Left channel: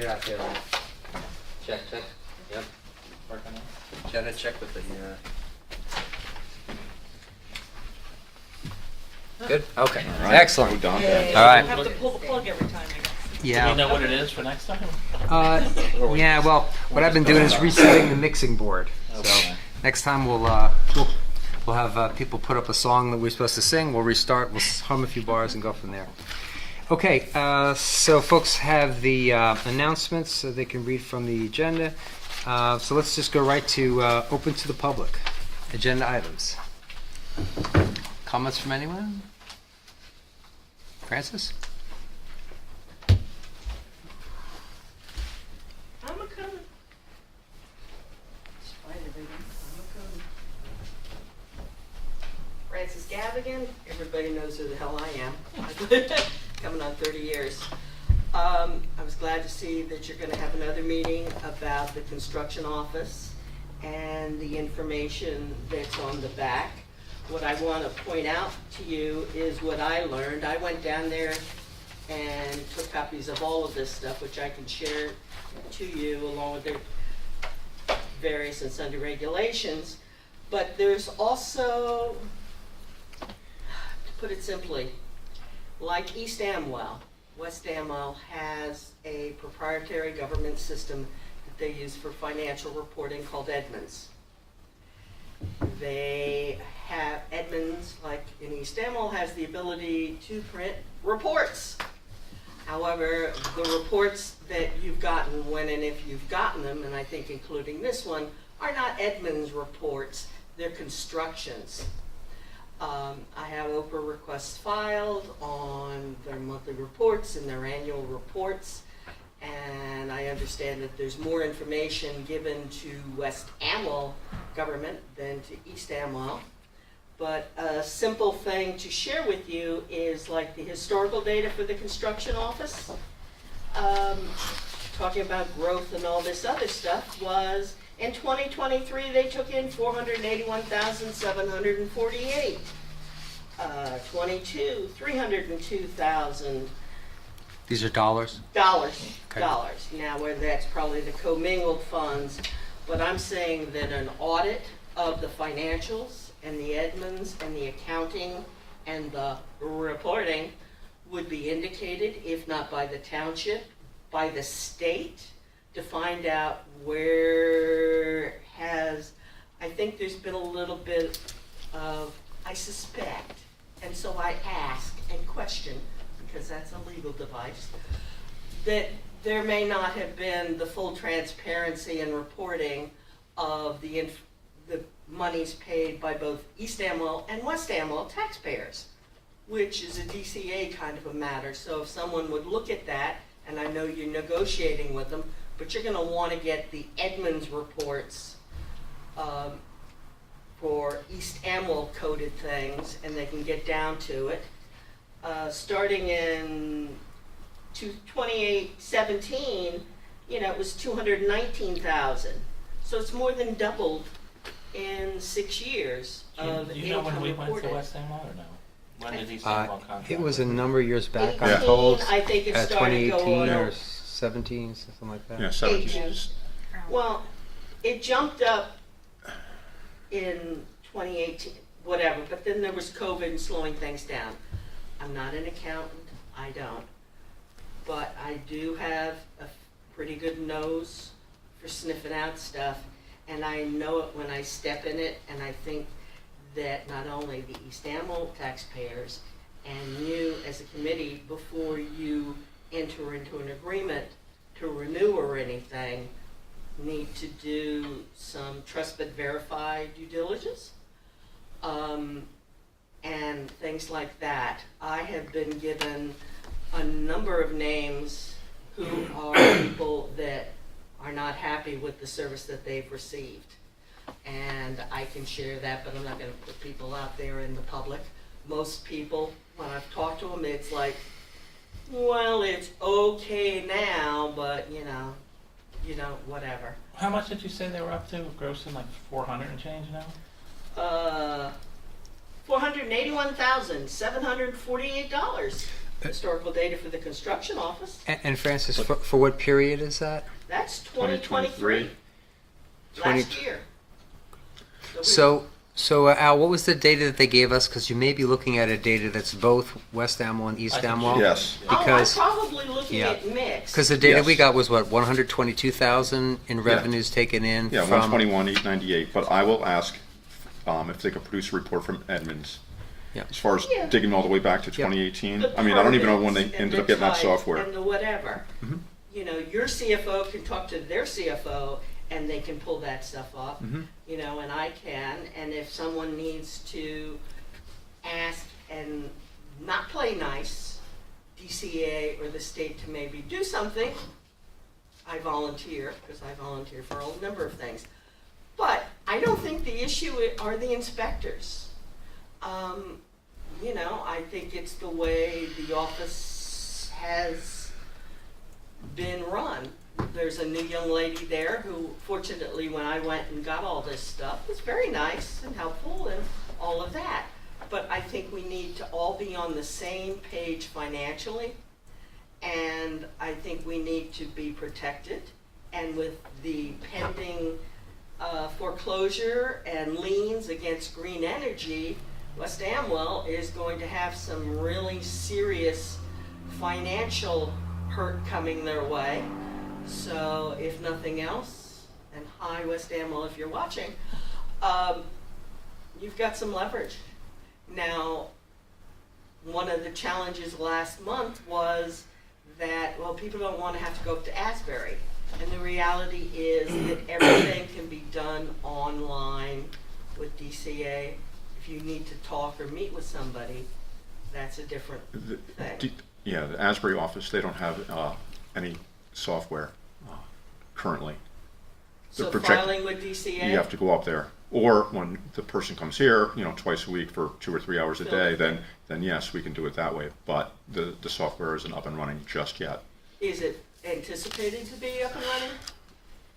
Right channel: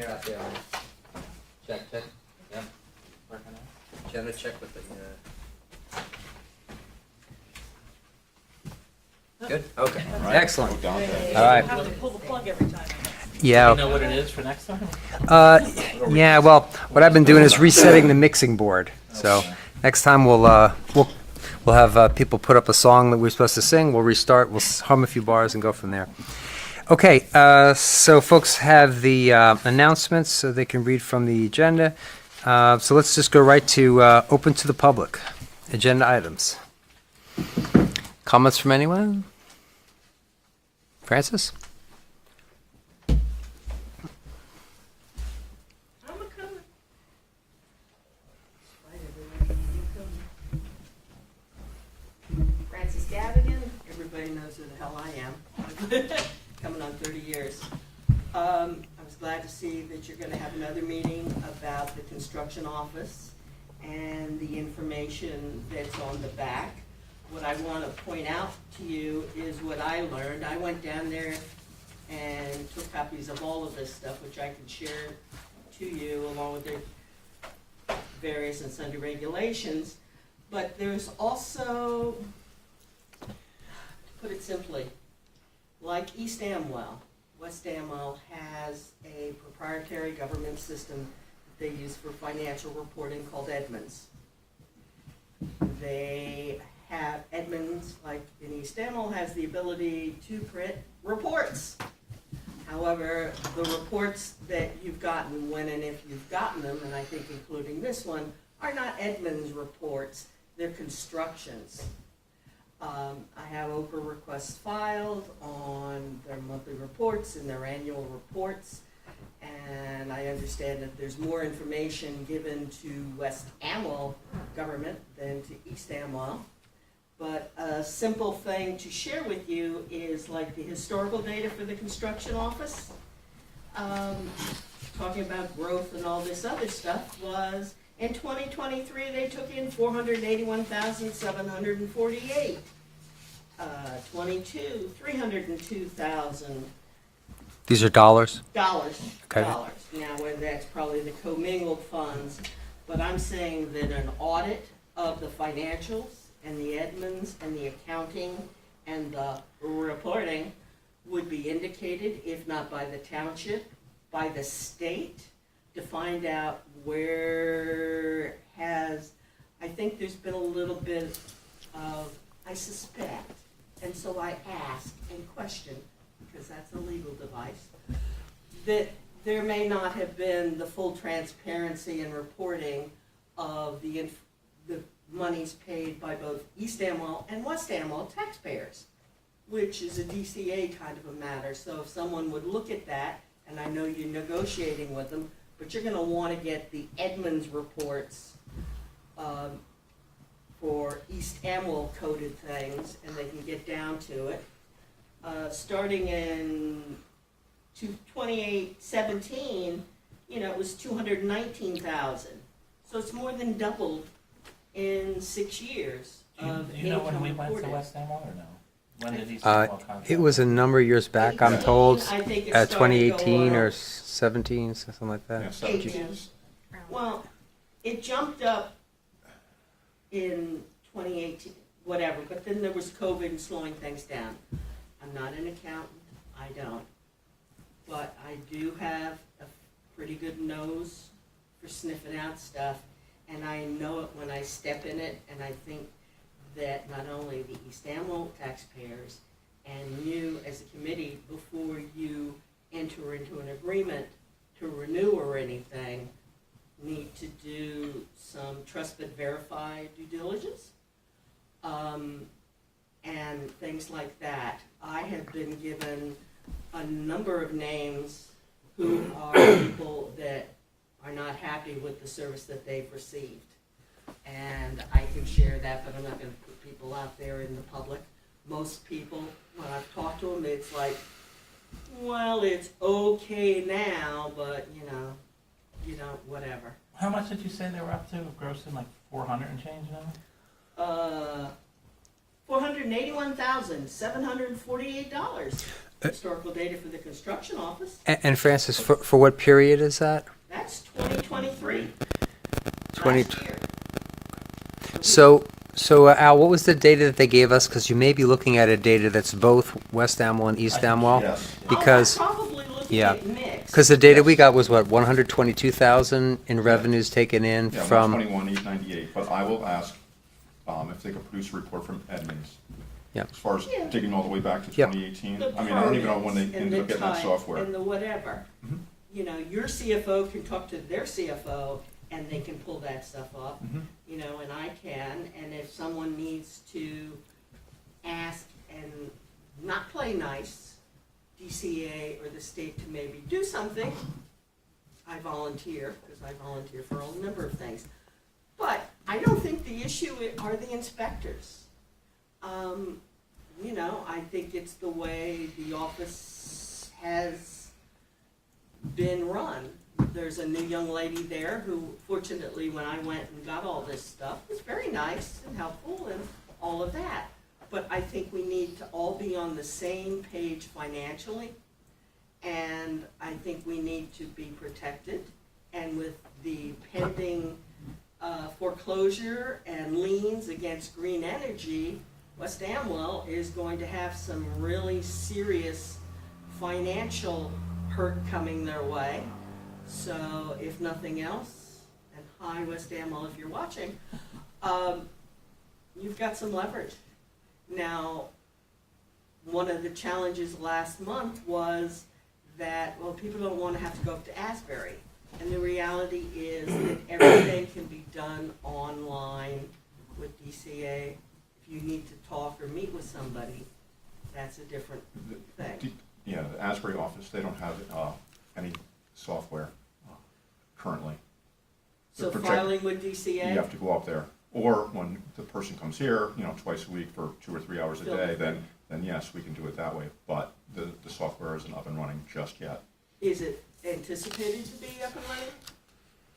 Yeah, yeah. Check. Yep. Working on it. Jenna, check with the. Good. Okay. Right. Excellent. Well done. Hey, All right. you have to pull the plug every time. I guess. Do we Yeah. know what it is for next time? Yeah. Well, what I've been doing is resetting the mixing board. So Okay. next time we'll have people put up a song that we're supposed to sing. We'll restart. We'll hum a few bars and go from there. Okay. So folks have the announcements, so they can read from the agenda. So let's just go right to open to the public. Agenda items. Comments from anyone? Francis? I'm a coming. Despite everything, you come. Francis Gavigan, everybody knows who the hell I am. Coming on 30 years. I was glad to see that you're going to have another meeting about the construction office and the information that's on the back. What I want to point out to you is what I learned. I went down there and took copies of all of this stuff, which I can share to you along with their various and sundry regulations. But there's also, to put it simply, like East Amwell, West Amwell has a proprietary government system that they use for financial reporting called Edmunds. They have Edmunds, like in East Amwell, has the ability to print reports. However, the reports that you've gotten, when and if you've gotten them, and I think including this one, are not Edmunds reports, they're constructions. I have Oprah requests filed on their monthly reports and their annual reports, and I understand that there's more information given to West Amwell government than to East Amwell. But a simple thing to share with you is like the historical data for the construction office, talking about growth and all this other stuff, was in 2023 they took in 481,748. 22, 302,000 These are dollars? dollars. Okay. Dollars. Now, where that's probably the commingled funds, but I'm saying that an audit of the financials and the Edmunds and the accounting and the reporting would be indicated, if not by the township, by the state, to find out where I think there's been a little bit of, I suspect, and so I ask and question, because that's a legal device, that there may not have been the full transparency and reporting of the monies paid by both East Amwell and West Amwell taxpayers, which is a DCA kind of a matter. So if someone would look at that, and I know you're negotiating with them, but you're going to want to get the Edmunds reports for East Amwell coded things, and they can get down to it. Starting in 2017, it was 219,000. So it's more than doubled in 6 years of Do you know when income we went to reported. West Amwell or no? When did East Amwell contract? It was a number of years back, I'm 18, told. I think it started 2018 going or up. 17, something like that. Yeah, 18. 17. Well, it jumped up in 2018, whatever, but then there was COVID and slowing things down. I'm not an accountant, I don't. But I do have a pretty good nose for sniffing out stuff, and I know it when I step in it, and I think that not only the East Amwell taxpayers and you as a committee, before you enter into an agreement to renew or anything, need to do some trust but verify due diligence, and things like that. I have been given a number of names who are people that are not happy with the service that they've received. And I can share that, but I'm not going to put people out there in the public. Most people, when I've talked to them, it's like, well, it's okay now, but whatever. How much did you say they were up to, grossing like 400 and change now? $481,748. historical data for the construction office. And Francis, for what period is that? That's 2023, 20. last year. So Al, what was the data that they gave us? Because you may be looking at a data that's both West Amwell and East I think Amwell. Yes. Because I'm probably looking yeah. at mixed. because the data Yes. we got was what, 122,000 in revenues taken in Yeah, from 121,898. But I will ask if they could produce a report from Edmonds. Yeah. As far as Yeah. digging all the way back to Yep. 2018. The I mean, I don't even know when they permits and ended the up getting that type software. And the whatever. Mhm. You know, your CFO can talk to their CFO and they can pull that stuff off. Mhm. You know, and I can. And if someone needs to ask and not play nice, DCA or the state to maybe do something, I volunteer, because I volunteer for a number of things. But I don't think the issue are the inspectors. You know, I think it's the way the office has been run. There's a new young lady there who, fortunately, when I went and got all this stuff, was very nice and helpful and all of that. But I think we need to all be on the same page financially, and I think we need to be protected. And with the pending foreclosure and liens against green energy, West Amwell is going to have some really serious financial hurt coming their way. So if nothing else, and hi West Amwell if you're watching, you've got some leverage. Now, one of the challenges last month was that, well, people don't want to have to go up to Asbury. And the reality is that everything can be done online with DCA. If you need to talk or meet with somebody, that's a different thing. Yeah, the Asbury office, they don't have any software currently. The So project- filing with DCA? You have to go up there. Or when the person comes here, twice a week for 2 or 3 hours a Fill day, it. then yes, we can do it that way. But the software isn't up and running just yet. Is it anticipated to be up and running?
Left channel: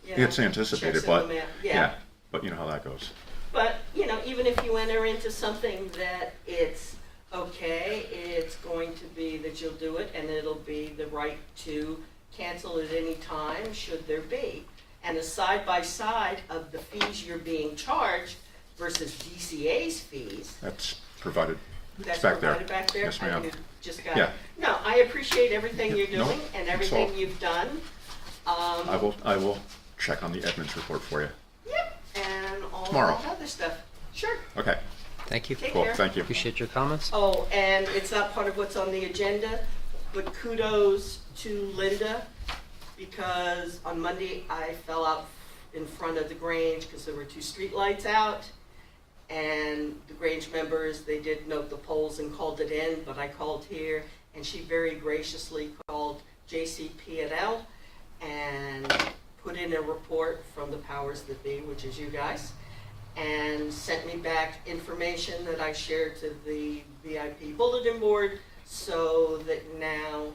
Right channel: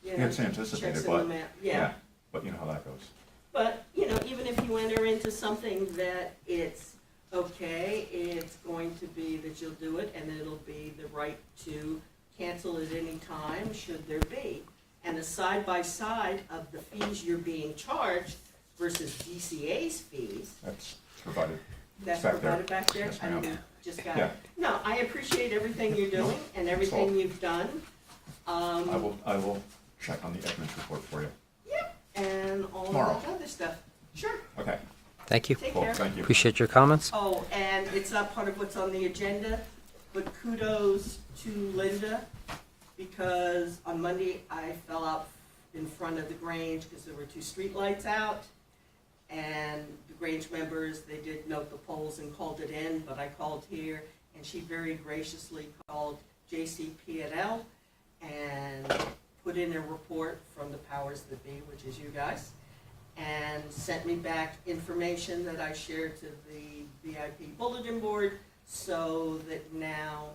You know, It's anticipated, checks in but the mail. yeah, but you know how that goes. But, even if you enter into something that it's okay, it's going to be that you'll do it, and it'll be the right to cancel at any time, should there be. And a side-by-side of the fees you're being charged versus DCA's fees, That's provided. that's back there. provided back there? Yes, ma'am. I mean, just got Yeah. No, I appreciate everything you're No, doing and that's everything all. you've done. I will check on the Edmonds report for you. Yep, and all Tomorrow. that other stuff. Sure, Okay, Thank you. take cool, care. thank you. Appreciate your comments. Oh, and it's not part of what's on the agenda, but kudos to Linda, because on Monday I fell out in front of the Grange because there were 2 street lights out. And the Grange members, they did note the polls and called it in, but I called here, and she very graciously called JCP&L and put in a report from the powers that be, which is you guys, and sent me back information that I shared to the VIP bulletin board, so that now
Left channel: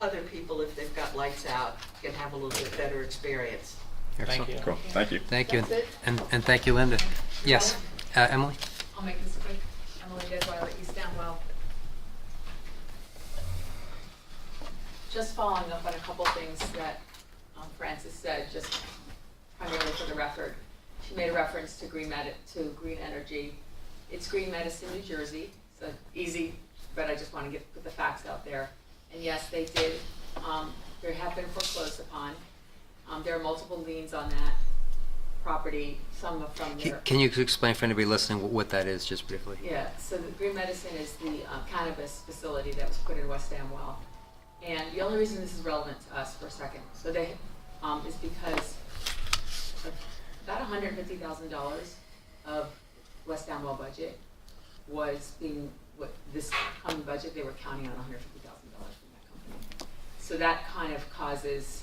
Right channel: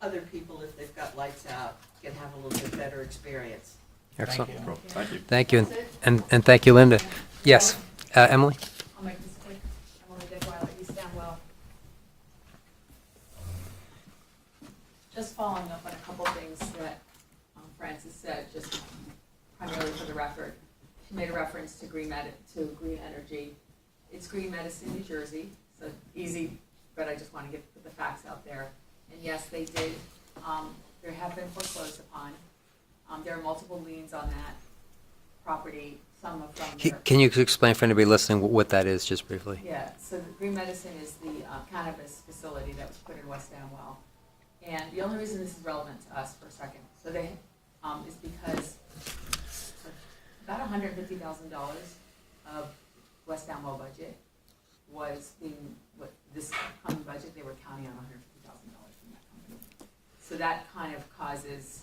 other people, if they've got lights out, can have a little bit better experience. Excellent. Thank you. Cool, thank you. Thank you. That's it. And thank you, Linda. Yes, Emily? I'll make this quick. Emily Deadweiler, East Amwell. Just following up on a couple things that Francis said, just primarily for the record. She made a reference to green energy. It's Green Medicine, New Jersey, so easy, but I just want to put the facts out there. And yes, they did, they have been foreclosed upon. There are multiple liens on that property, some are from their. Can you explain for anybody listening what that is, just briefly? Yeah, so the Green Medicine is the cannabis facility that was put in West Amwell. And the only reason this is relevant to us for a second, so they, is because about $150,000 of West Amwell budget was being, this coming budget, they were counting on $150,000 from that company. So that kind of causes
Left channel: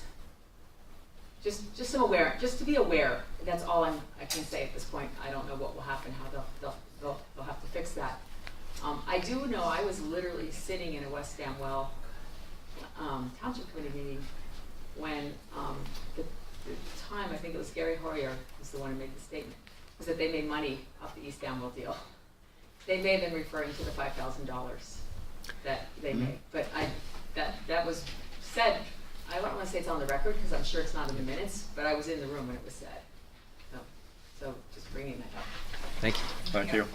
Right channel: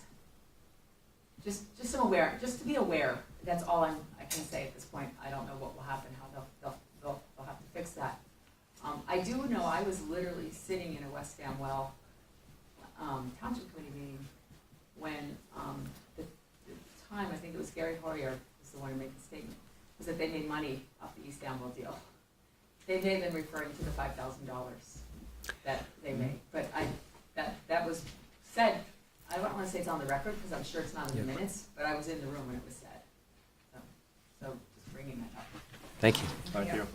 just some awareness, just to be aware. That's all I can say at this point. I don't know what will happen, how they'll have to fix that. I do know I was literally sitting in a West Amwell Township Committee meeting when the time, I think it was Gary Hoyer was the one who made the statement, was that they made money off the East Amwell deal. They may have been referring to the $5,000. that they make. But that was said, I don't wanna say it's on the record, because I'm sure it's not in the minutes, but I was in the room when it was said. So just bringing that up. Thank you. Thank you.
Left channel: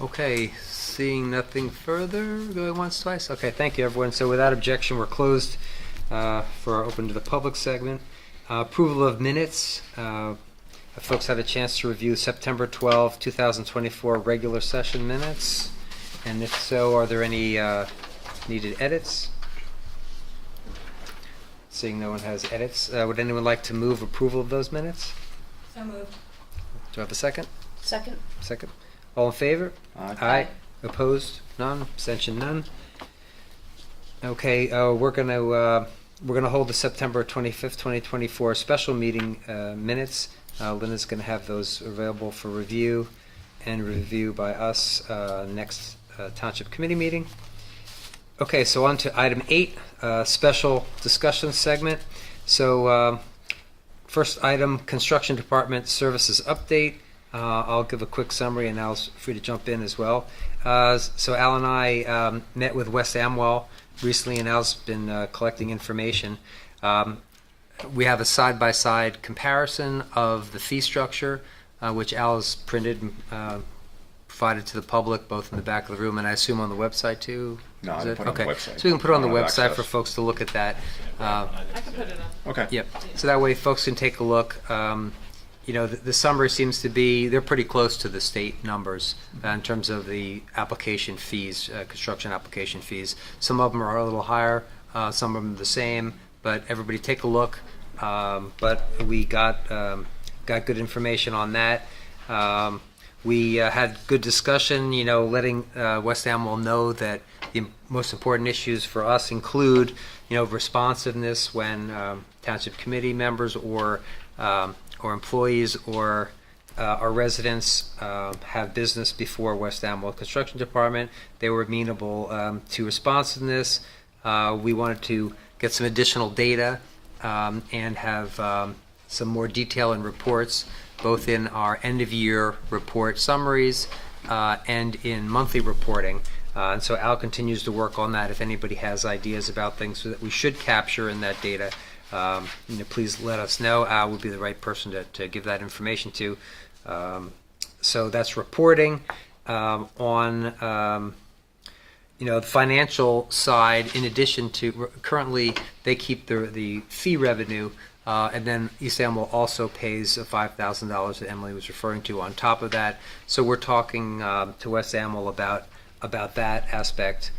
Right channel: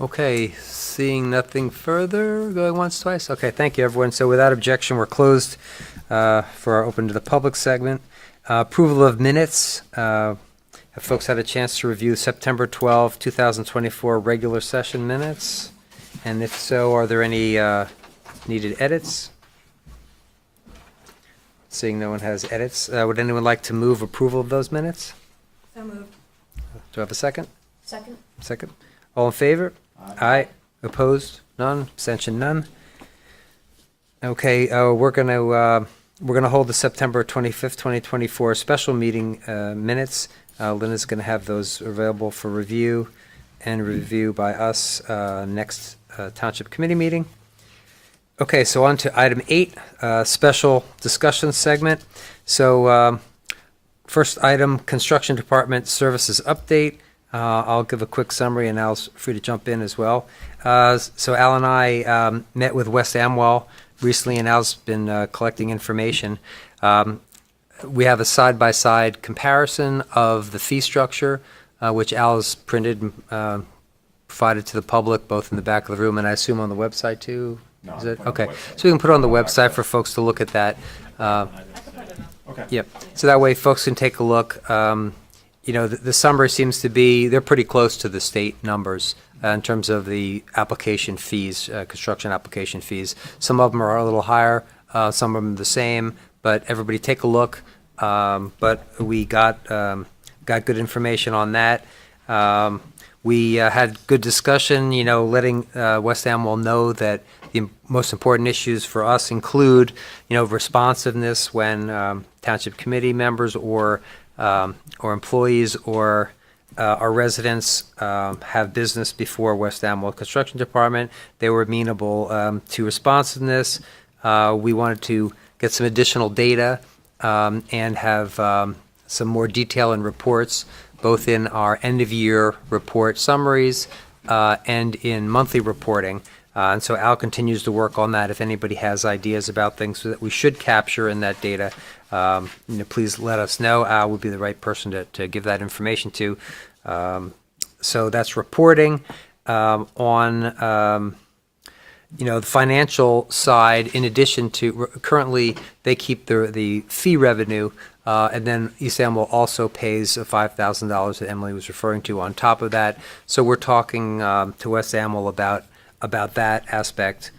Okay, seeing nothing further, going once, twice. Okay, thank you, everyone. So without objection, we're closed for our open to the public segment. Approval of minutes. Have folks had a chance to review September 12, 2024 regular session minutes? And if so, are there any needed edits? Seeing no one has edits, would anyone like to move approval of those minutes? So moved. Do I have a second? Second. Second. All in favor? Aye. Aye. Opposed? None. Abstention? None. Okay, we're gonna hold the September 25th, 2024 special meeting minutes. Linda's gonna have those available for review and review by us next Township Committee meeting. Okay, so on to item 8, special discussion segment. So first item, Construction Department Services Update. I'll give a quick summary and Al's free to jump in as well. So Al and I met with West Amwell recently, and Al's been collecting information. We have a side-by-side comparison of the fee structure, which Al has printed and provided to the public, both in the back of the room and I assume on the website too. No, Is I it? put it on the Okay, website. so we can put it on the I don't have website for access. folks to look at that. I can put it up. Okay. Yep. So that way folks can take a look. You know, the summary seems to be, they're pretty close to the state numbers in terms of the application fees, construction application fees. Some of them are a little higher, some of them the same, but everybody take a look. But we got good information on that. We had good discussion, you know, letting West Amwell know that the most important issues for us include, you know, responsiveness when township committee members or employees or our residents have business before West Amwell Construction Department. They were amenable to responsiveness. We wanted to get some additional data and have some more detail in reports, both in our end-of-year report summaries and in monthly reporting. And so Al continues to work on that. If anybody has ideas about things that we should capture in that data, you know, please let us know. Al would be the right person to give that information to. So that's reporting. On you know, the financial side, in addition to currently they keep the fee revenue, and then East Amwell also pays $5,000 that Emily was referring to on top of that. So we're talking to West Amwell about that aspect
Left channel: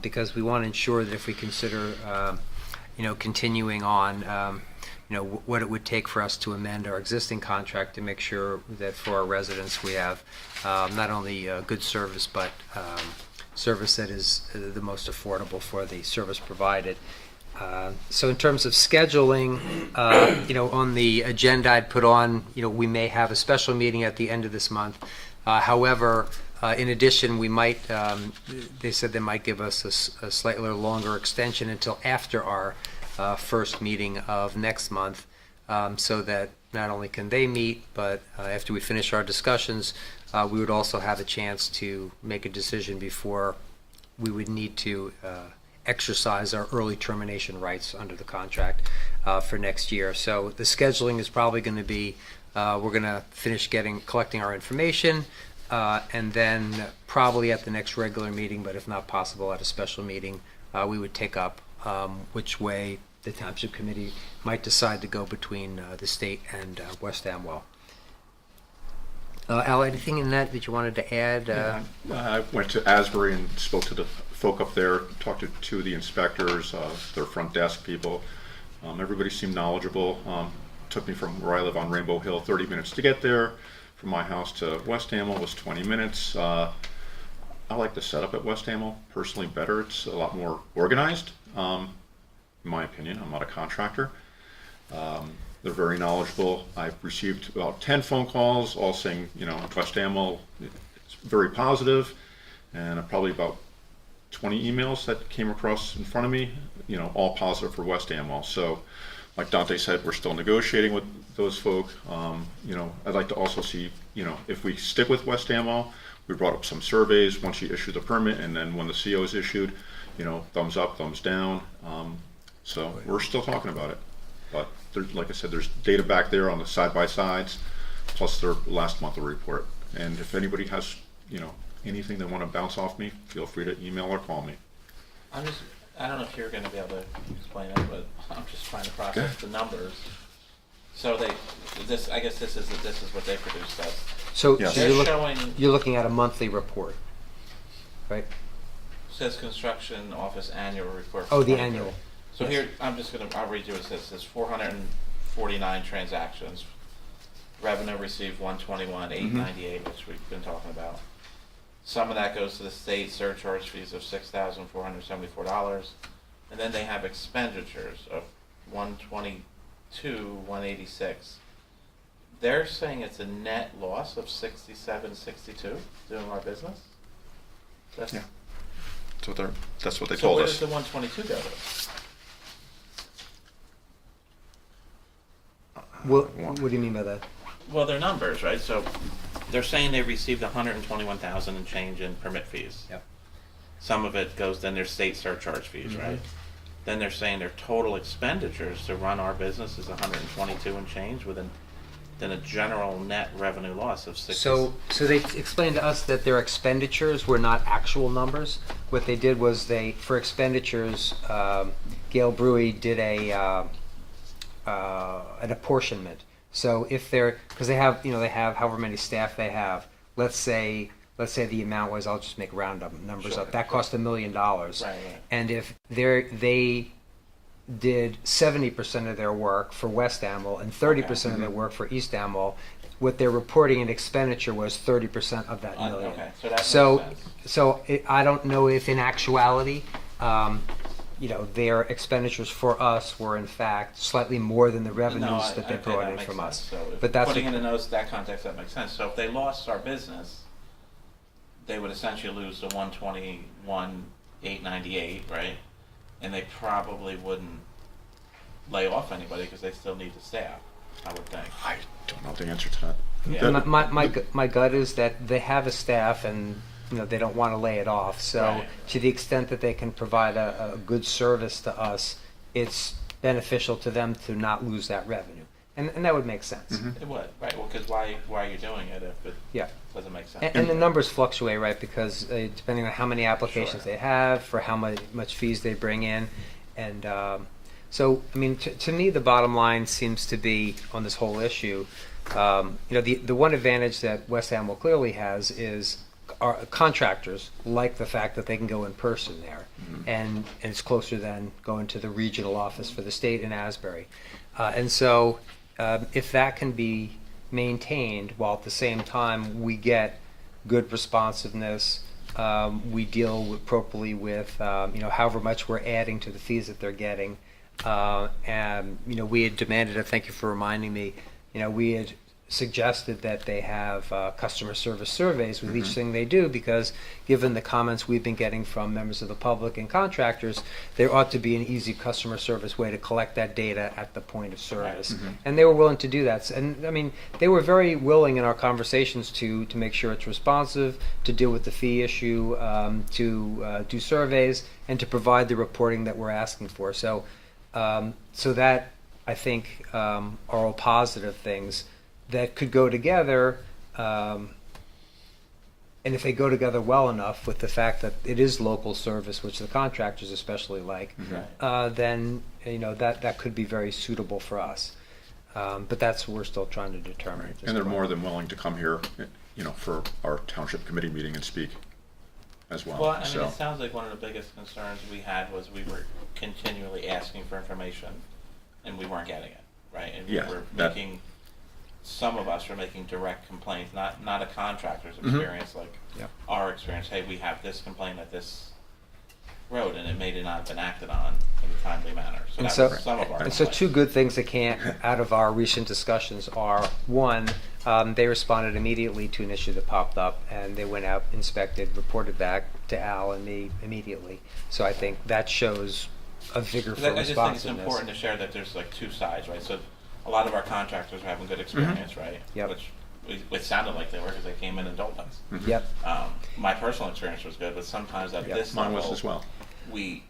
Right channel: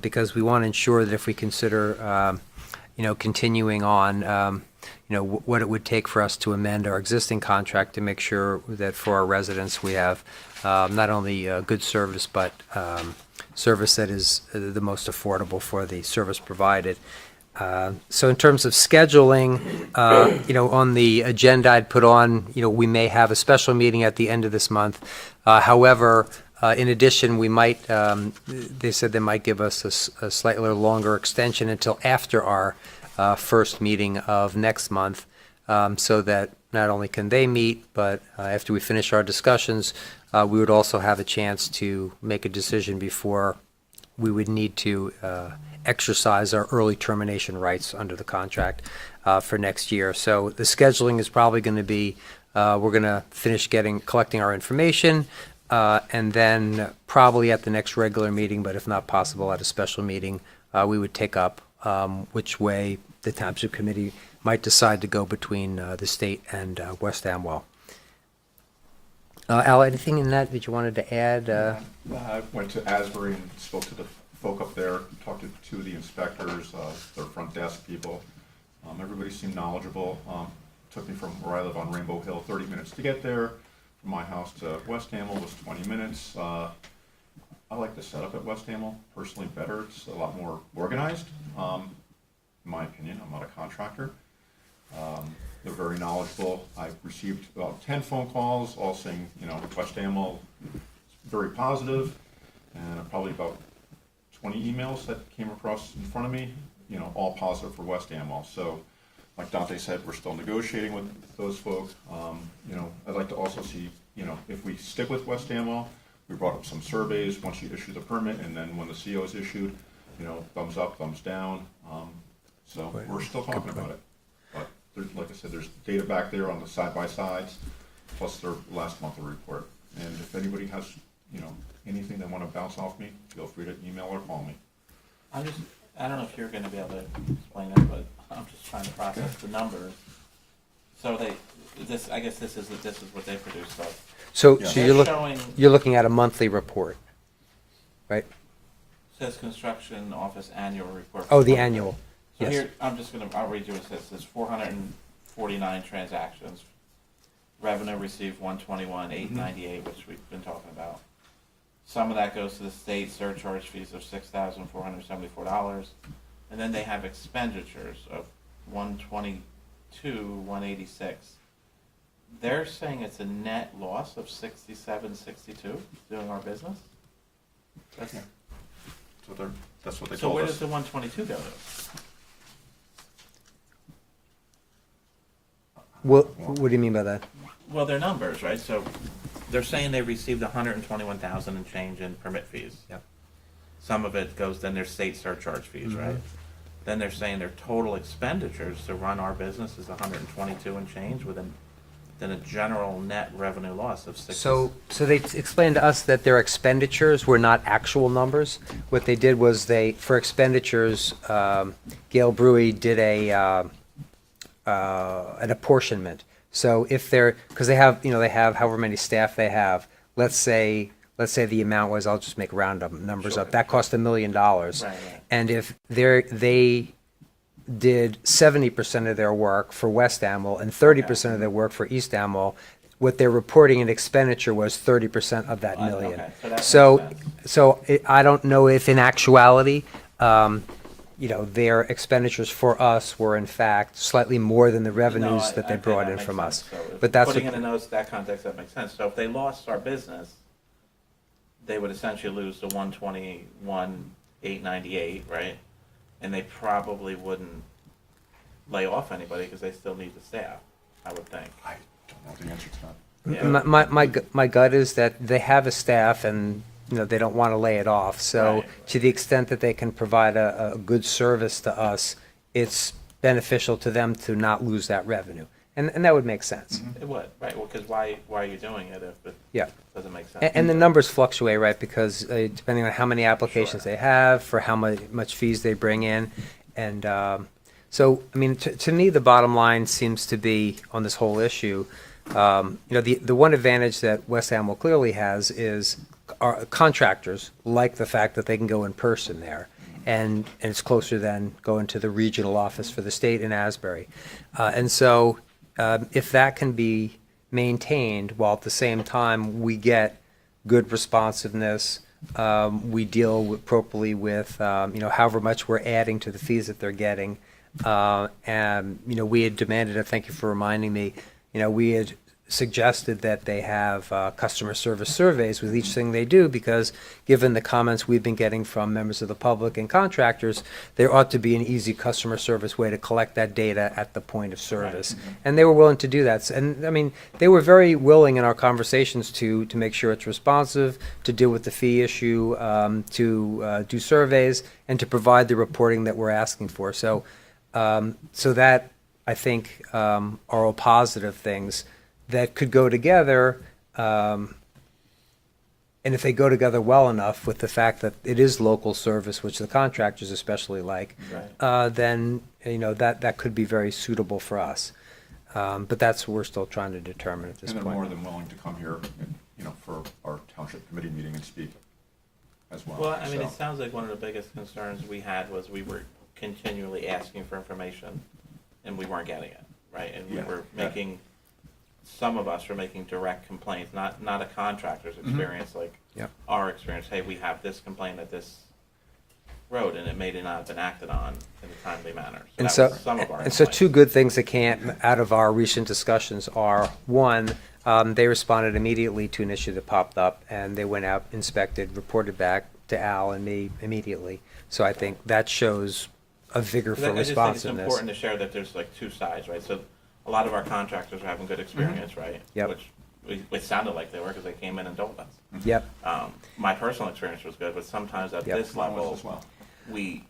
because we want to ensure that if we consider you know, continuing on, you know, what it would take for us to amend our existing contract to make sure that for our residents we have not only good service but service that is the most affordable for the service provided. So in terms of scheduling, you know, on the agenda I'd put on, you know, we may have a special meeting at the end of this month. However, in addition, we might, they said they might give us a slightly longer extension until after our first meeting of next month, so that not only can they meet, but after we finish our discussions, we would also have a chance to make a decision before we would need to exercise our early termination rights under the contract for next year. So the scheduling is probably going to be, we're going to finish collecting our information, and then probably at the next regular meeting, but if not possible at a special meeting, we would take up which way the Township Committee might decide to go between the state and West Amwell. Al, anything in that you wanted to add? I went to Asbury and spoke to the folk up there, talked to two of the inspectors, their front desk people. Everybody seemed knowledgeable. Took me from where I live on Rainbow Hill 30 minutes to get there. From my house to West Amwell was 20 minutes. I like the setup at West Amwell personally better. It's a lot more organized, in my opinion. I'm not a contractor. They're very knowledgeable. I've received about 10 phone calls, all saying, you know, West Amwell is very positive, and probably about 20 emails that came across in front of me, you know, all positive for West Amwell. So, like Dante said, we're still negotiating with those folk. You know, I'd like to also see, you know, if we stick with West Amwell, We brought up some surveys once you issue the permit, and then when the CO is issued, thumbs up, thumbs down. So we're still talking about it. But like I said, there's data back there on the side-by-sides, plus their last monthly report. And if anybody has, anything they want to bounce off me, feel free to email or call me. I don't know if you're gonna be able to explain it, but I'm just trying to process the numbers. So I guess this is what they produced us. So, Yes. so They're showing, you're looking at a monthly report, right? says construction office annual report. Oh, for the 23. annual. So Yes. here, I'll read you what it says. It says 449 transactions. Revenue received 121,898, which we've been talking about. Some of that goes to the state surcharge fees of $6,474. And then they have expenditures of 122,186. They're saying it's a net loss of 67.62 doing our business. Yeah. That's what they So told where us. does the 122 go to? What do you mean by that? Well, they're numbers, right? So they're saying they received 121,000 and change in permit fees. Yep. Some of it goes then their state surcharge fees, right? Then they're saying their total expenditures to run our business is 122 and change then a general net revenue loss of 60. So they explained to us that their expenditures were not actual numbers. What they did was for expenditures, Gail Brewery did an apportionment. So if because they have however many staff they have. Let's say the amount was, I'll just make round numbers up. That cost $1 million. Right. And if they did 70% of their work for West Amwell and 30% of their work for East Amwell, what they're reporting in expenditure was 30% of that million. Okay, so that makes So sense. I don't know if in actuality, their expenditures for us were in fact slightly more than the revenues that they brought in from us. So But that's putting in the notes, that context, that makes sense. So if they lost our business, they would essentially lose the 121,898, right? And they probably wouldn't lay off anybody because they still need the staff, I would think. I don't know the answer to that. Yeah. My gut is that they have a staff and they don't want to lay it off. So Right. to the extent that they can provide a good service to us, it's beneficial to them to not lose that revenue, and that would make sense. It would, right? Well, because why are you doing it if it Yeah. doesn't make sense? And the numbers fluctuate, right? Because depending on how many applications they have, for how much fees they bring in, and so I mean, to me, the bottom line seems to be on this whole issue. The one advantage that West Amwell clearly has is our contractors like the fact that they can go in person there, and it's closer than going to the regional office for the state in Asbury, and so if that can be maintained while at the same time we get good responsiveness, we deal appropriately with however much we're adding to the fees that they're getting, and we had demanded, and thank you for reminding me, we had suggested that they have customer service surveys with each thing they do, because given the comments we've been getting from members of the public and contractors, there ought to be an easy customer service way to collect that data at the point of service. And they were willing to do that. And I mean, they were very willing in our conversations to make sure it's responsive, to deal with the fee issue, to do surveys, and to provide the reporting that we're asking for. So that, I think, are all positive things that could go together, and if they go together well enough with the fact that it is local service, which the contractors especially like, then that could be very suitable for us. But that's what we're still trying to determine at this And point. they're more than willing to come here, for our township committee meeting and speak as well. Well, I mean, So, it sounds like one of the biggest concerns we had was we were continually asking for information, and we weren't getting it, right? And we Yeah, were making, some of us were making direct complaints, not a contractor's experience, like Yep. our experience. Hey, we have this complaint at this road, and it may not have been acted on in a timely manner. So And that so, was some of our and so complaints. two good things that came out of our recent discussions are, one, they responded immediately to an issue that popped up, and they went out, inspected, reported back to Al and me immediately. So I think that shows a vigor for I just think it's responsiveness. important to share that there's like two sides, right? So a lot of our contractors are having good experience, right? Yep. Which it sounded like they were because they came in and told us. Yep. My personal experience was good, but sometimes at Yep. this Mine was level, as well. we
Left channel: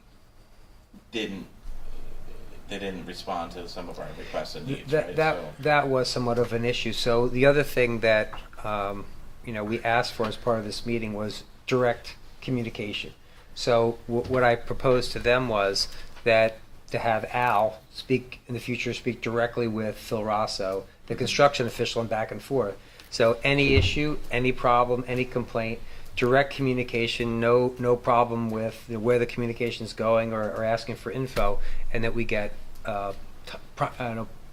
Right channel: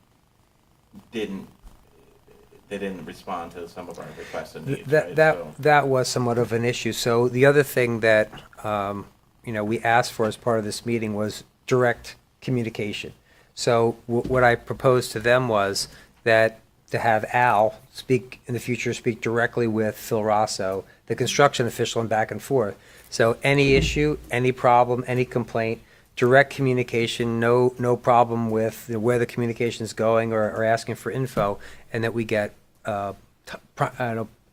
didn't. They didn't respond to some of our requests and needs. That right? that So, that was somewhat of an issue. So the other thing that we asked for as part of this meeting was direct communication. So what I proposed to them was that to have Al speak in the future, speak directly with Phil Rosso, the construction official, and back and forth. So any issue, any problem, any complaint, direct communication, no problem with where the communication is going or asking for info, and that we get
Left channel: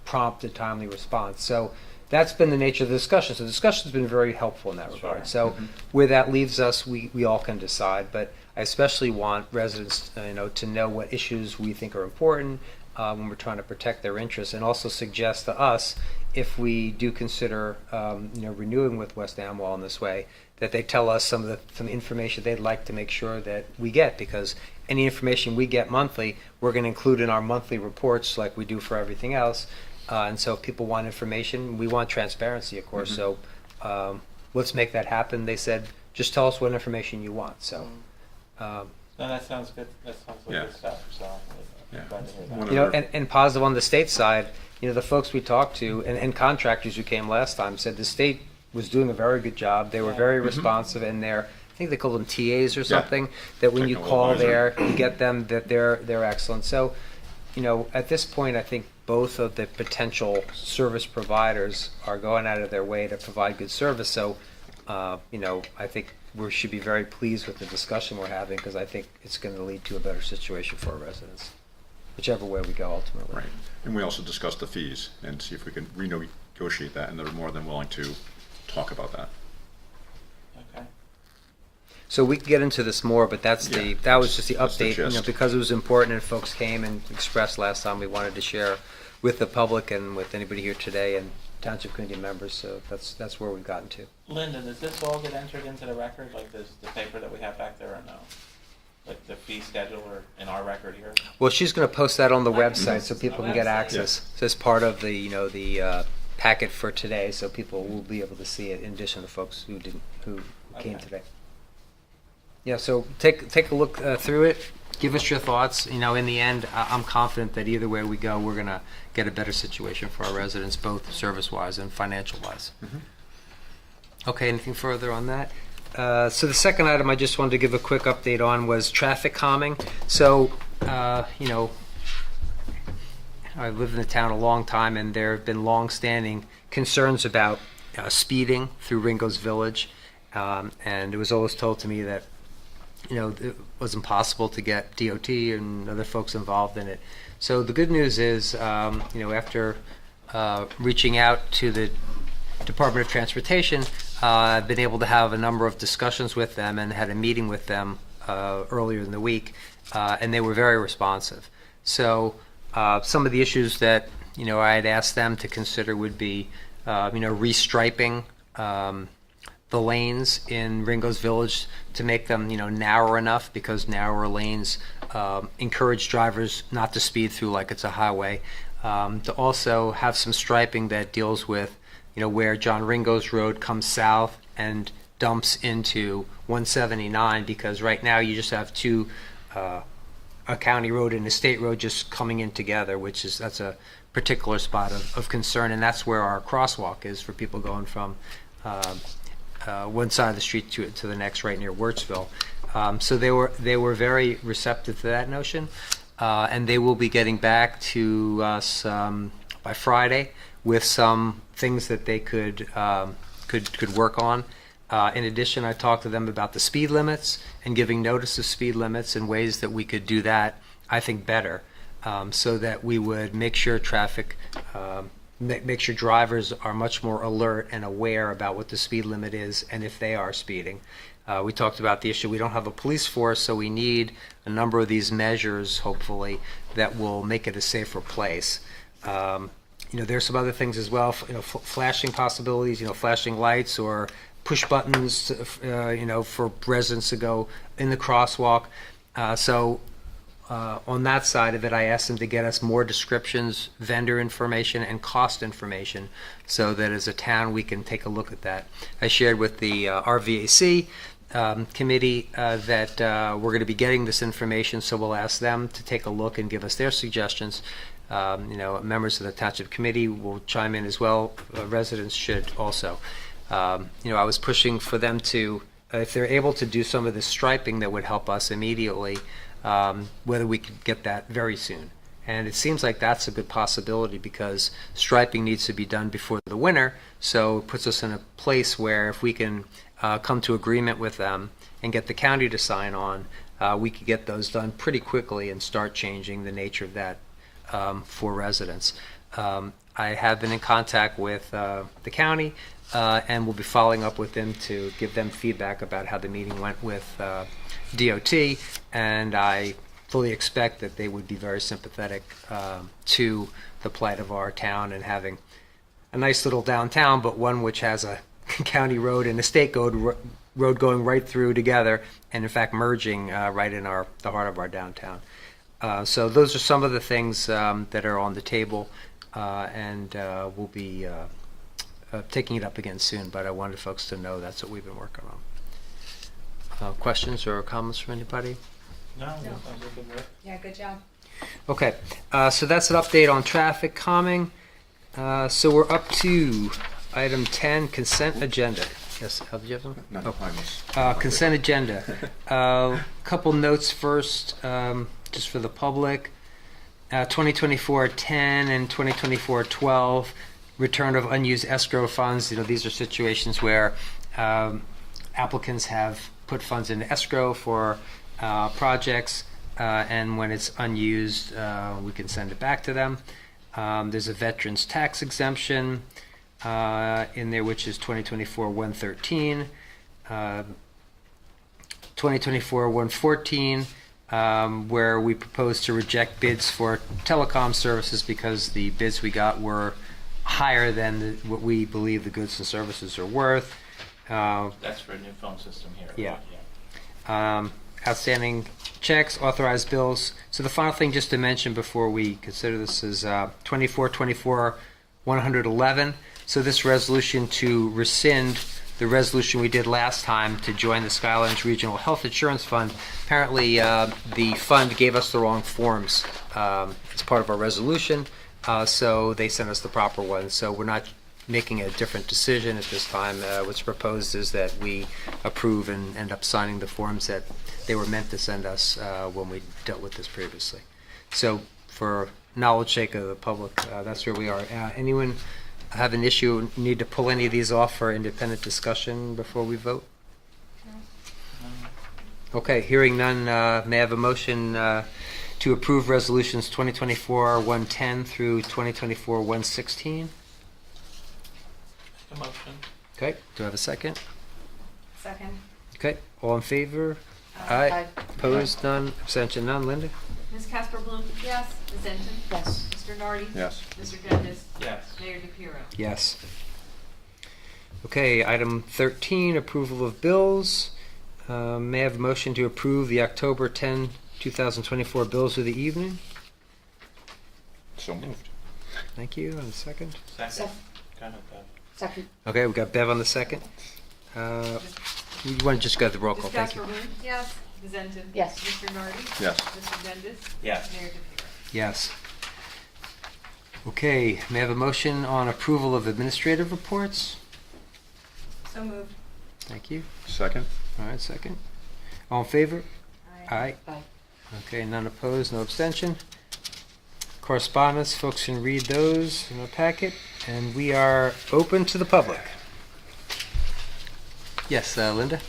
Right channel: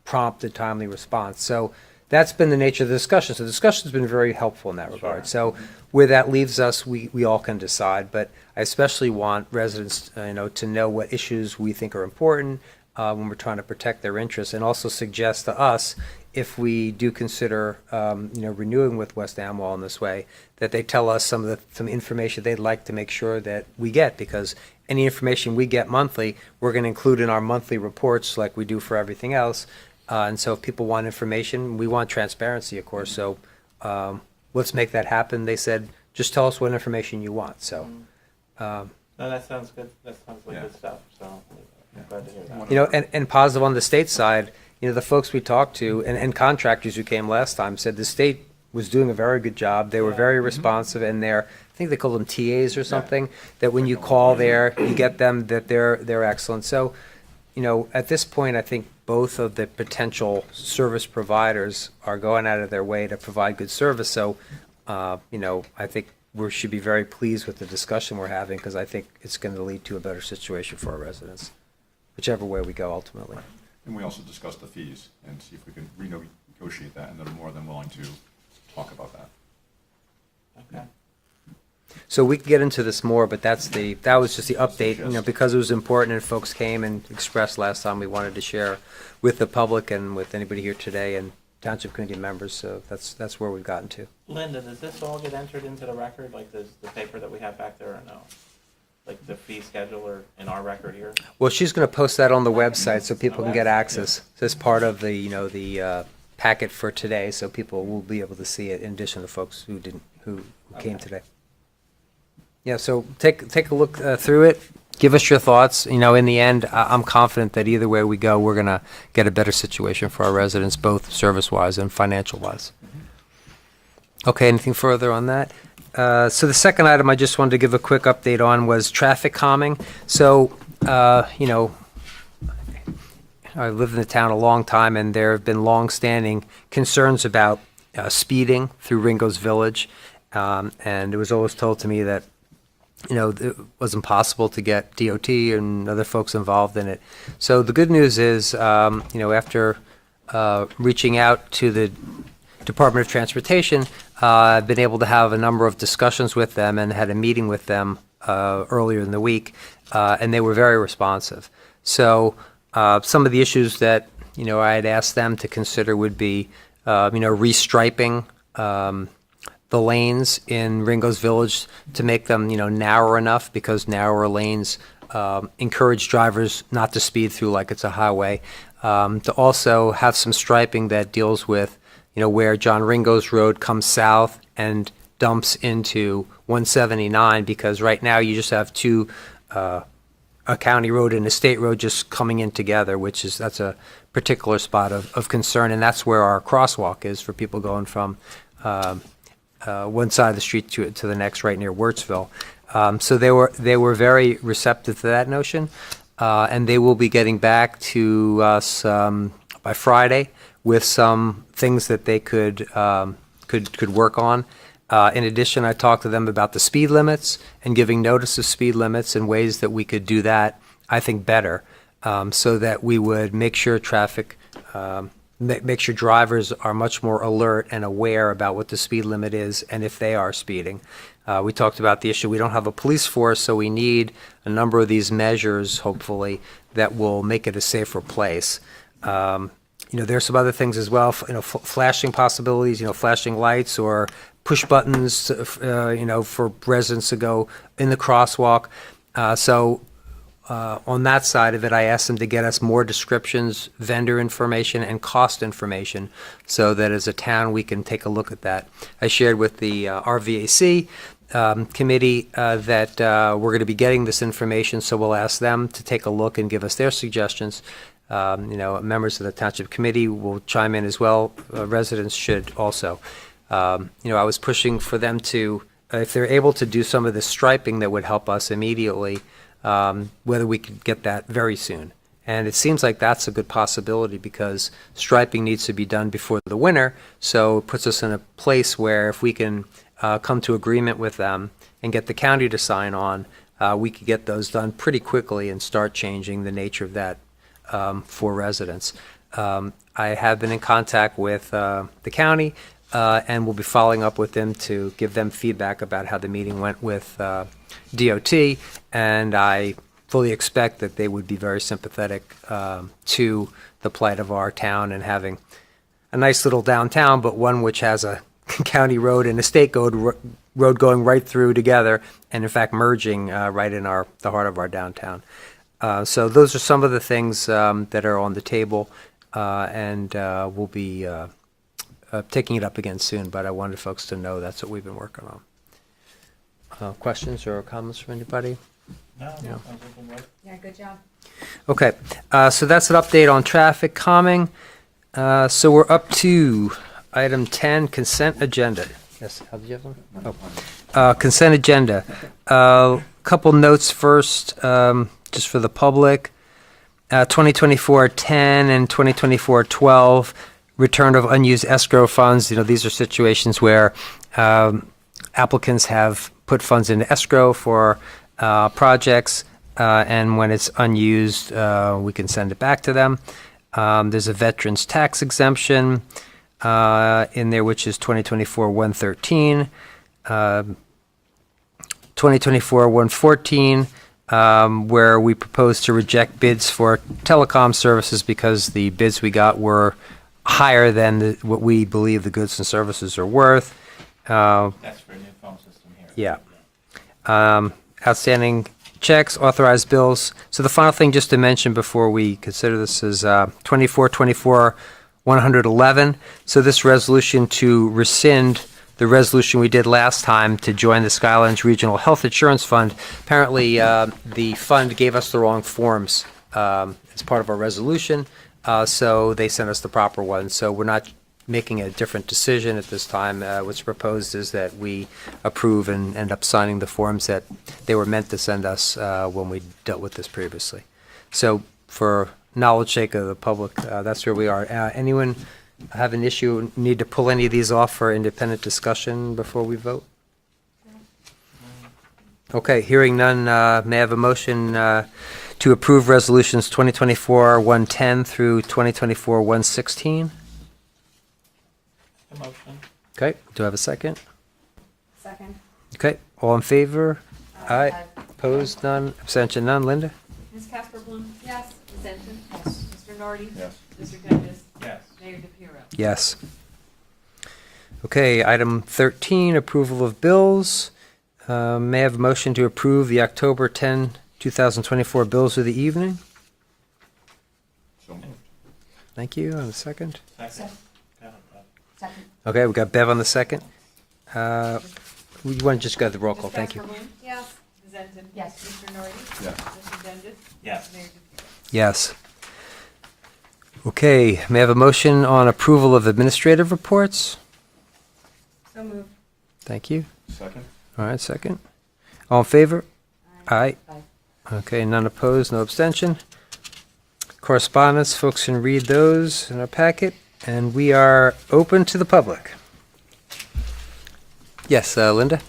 prompt and timely response. So that's been the nature of the discussion. So the discussion has been very helpful in that regard. So where that leaves us, we all can decide. But I especially want residents, to know what issues we think are important when we're trying to protect their interests, and also suggest to us if we do consider, renewing with West Amwell in this way, that they tell us some information they'd like to make sure that we get, because any information we get monthly, we're going to include in our monthly reports like we do for everything else. And so if people want information, we want transparency, of course. So let's make that happen. They said, just tell us what information you want. So, no, that sounds good. That sounds like Yeah. good stuff. So, Yeah. glad to hear that. and positive on the state side, the folks we talked to and contractors who came last time said the state was doing a very good job. They were very responsive, and I think they call them TAs or something, that when you Technical call advisor. there, you get them, that they're excellent. So, at this point, I think both of the potential service providers are going out of their way to provide good service. So, I think we should be very pleased with the discussion we're having, because I think it's going to lead to a better situation for our residents, whichever way we go ultimately. Right. And we also discussed the fees and see if we can renegotiate that, and they're more than willing to talk about that. Okay. So we can get into this more, but that was just the That's the update, gist. because it was important and folks came and expressed last time we wanted to share with the public and with anybody here today and township community members. So that's where we've gotten to. Linda, does this all get entered into the record, like the paper that we have back there, or no? Like the fee schedule, or in our record here? Well, she's going to post that on the website so people can get Website. access. So it's part of the packet for today, so people will be able to see it in addition to folks who came Okay. today. Yeah, so take a look through it. Give us your thoughts. In the end, I'm confident that either way we go, we're going to get a better situation for our residents, both service-wise and financial-wise. Okay, anything further on that? So the second item I just wanted to give a quick update on was traffic calming. So, I've lived in the town a long time, and there have been long-standing concerns about speeding through Ringo's Village. And it was always told to me that, it was impossible to get DOT and other folks involved in it. So the good news is, after reaching out to the Department of Transportation, I've been able to have a number of discussions with them and had a meeting with them earlier in the week, and they were very responsive. So some of the issues that I had asked them to consider would be restriping the lanes in Ringo's Village to make them narrow enough, because narrower lanes encourage drivers not to speed through like it's a highway. To also have some striping that deals with where John Ringo's Road comes south and dumps into 179, because right now you just have two, a county road and a state road just coming in together, that's a particular spot of concern, and that's where our crosswalk is for people going from one side of the street to the next, right near Wirtsville. So they were very receptive to that notion, and they will be getting back to us by Friday with some things that they could work on. In addition, I talked to them about the speed limits and giving notice of speed limits and ways that we could do that, I think, better, so that we would make sure make sure drivers are much more alert and aware about what the speed limit is and if they are speeding. We talked about the issue, we don't have a police force, so we need a number of these measures, hopefully, that will make it a safer place. There's some other things as well, flashing possibilities, flashing lights or push buttons, for residents to go in the crosswalk. on that side of it, I asked them to get us more descriptions, vendor information, and cost information, so that as a town we can take a look at that. I shared with the RVAC committee that we're going to be getting this information, so we'll ask them to take a look and give us their suggestions. Members of the Township Committee will chime in as well. Residents should also. I was pushing for them to, if they're able to do some of the striping that would help us immediately, whether we could get that very soon. And it seems like that's a good possibility because striping needs to be done before the winter, so it puts us in a place where if we can come to agreement with them and get the county to sign on, we could get those done pretty quickly and start changing the nature of that for residents. I have been in contact with the county and we'll be following up with them to give them feedback about how the meeting went with DOT, and I fully expect that they would be very sympathetic to the plight of our town and having a nice little downtown, but one which has a county road and a state road going right through together, and in fact merging right in the heart of our downtown. So those are some of the things that are on the table, and we'll be taking it up again soon, but I wanted folks to know that's what we've been working on. Questions or comments from anybody? No, sounds like a good. Yeah, good job. Okay, so that's an update on traffic calming. So we're up to item 10, consent agenda. Yes, Al, did you have something? No, Consent agenda. Couple notes first, just for the public. 2024-10 and 2024-12, return of unused escrow funds. These are situations where applicants have put funds into escrow for projects, and when it's unused, we can send it back to them. There's a veterans tax exemption in there, which is 2024-113, 2024-114, where we propose to reject bids for telecom services because the bids we got were higher than what we believe the goods and services are worth. That's for a new phone system here. Yeah. Outstanding checks, authorized bills. So the final thing just to mention before we consider this is 24-111. So this resolution to rescind the resolution we did last time to join the Skylands Regional Health Insurance Fund. Apparently the fund gave us the wrong forms as part of our resolution, so they sent us the proper ones. So we're not making a different decision at this time. What's proposed is that we approve and end up signing the forms that they were meant to send us when we dealt with this previously. So for knowledge sake of the public, that's where we are. Anyone have an issue, need to pull any of these off for independent discussion before we vote? Okay, hearing none, may I have a motion to approve resolutions 2024-110 through 2024-116? The motion. Okay, do I have a second? Second. Okay, all in favor? Aye. Aye. Opposed, none, abstention, none. Linda? Ms. Casper Bloom? Yes. Ms. Denton? Yes. Mr. Nardi? Yes. Mr. Gendes? Yes. Mayor DePiero? Yes. Okay, item 13, approval of bills. May I have a motion to approve the October 10, 2024 bills of the evening? So moved. Thank you. And a second? Second. Go ahead, Bob. Second. Okay, we got Bev on the second. You want to just go to the roll call? Ms. Thank you. Casper Bloom? Yes. Ms. Denton? Yes. Mr. Nardi? Yes. Mr. Gendes? Yes. Mayor DePiero? Yes. Okay, may I have a motion on approval of administrative reports? So moved. Thank you. Second? All right, second. All in favor? Aye. Aye. Okay, none opposed, no abstention. Correspondence, folks can read those in our packet, and we are open to the public. Yes, Linda?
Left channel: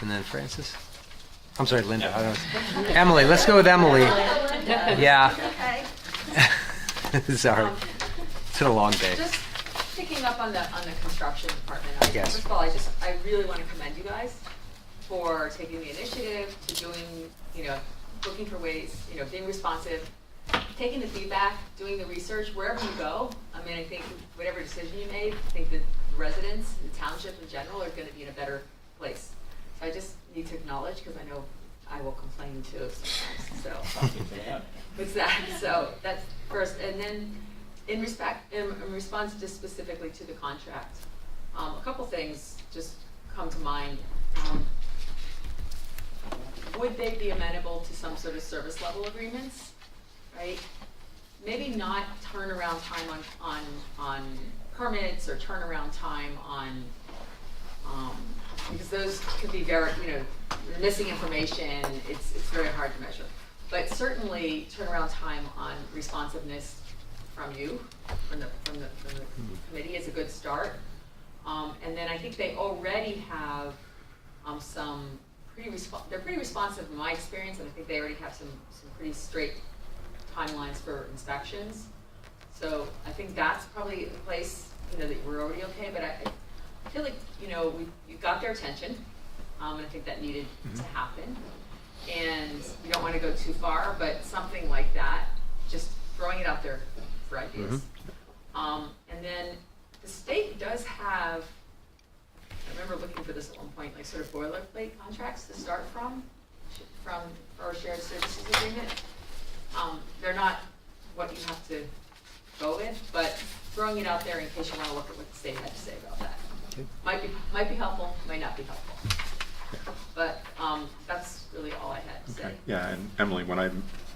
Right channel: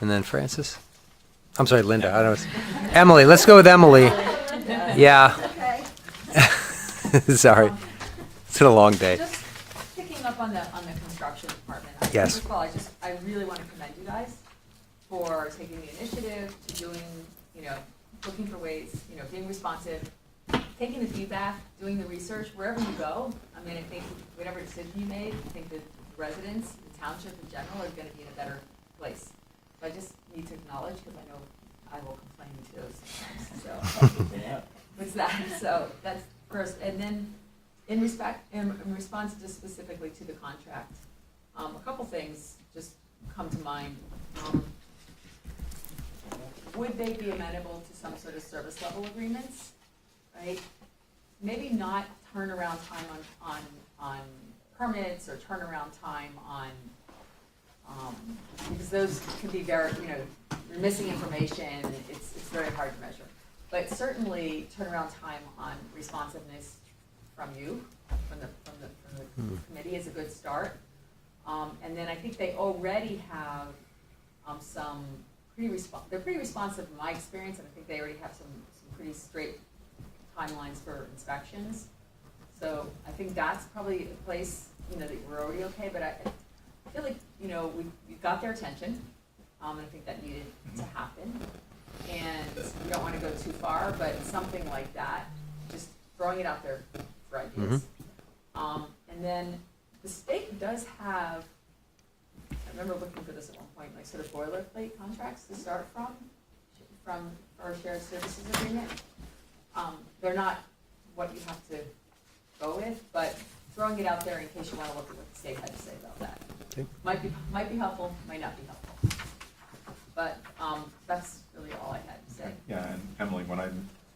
And then Francis? I'm sorry, Linda. I don't. Emily, let's go with Emily. Yeah. Sorry. It's been a long day. Just picking up on the construction department. Yes. First of all, I really want to commend you guys for taking the initiative to doing, looking for ways, being responsive, taking the feedback, doing the research wherever you go. I mean, I think whatever decision you made, I think that the residents, the township in general, are going to be in a better place. So I just need to acknowledge, because I know I will complain too sometimes, so. What's that? So that's first, and then in response just specifically to the contract, a couple things just come to mind. Would they be amenable to some sort of service level agreements, right? Maybe not turnaround time on permits or turnaround time on, because those could be very, you're missing information, it's very hard to measure. But certainly turnaround time on responsiveness from you, from the committee is a good start. And then I think they already have some they're pretty responsive in my experience, and I think they already have some pretty straight timelines for inspections. So I think that's probably a place, that we're already okay, but I feel like, you got their attention, and I think that needed to happen. And we don't want to go too far, but something like that, just throwing it out there for ideas. And then the state does have, I remember looking for this at one point, like sort of boilerplate contracts to start from our shared services agreement. They're not what you have to go with, but throwing it out there in case you want to look at what the state had to say about that. Okay. Might be helpful, might not be helpful. But that's really all I had to say. Okay. Yeah, and Emily, when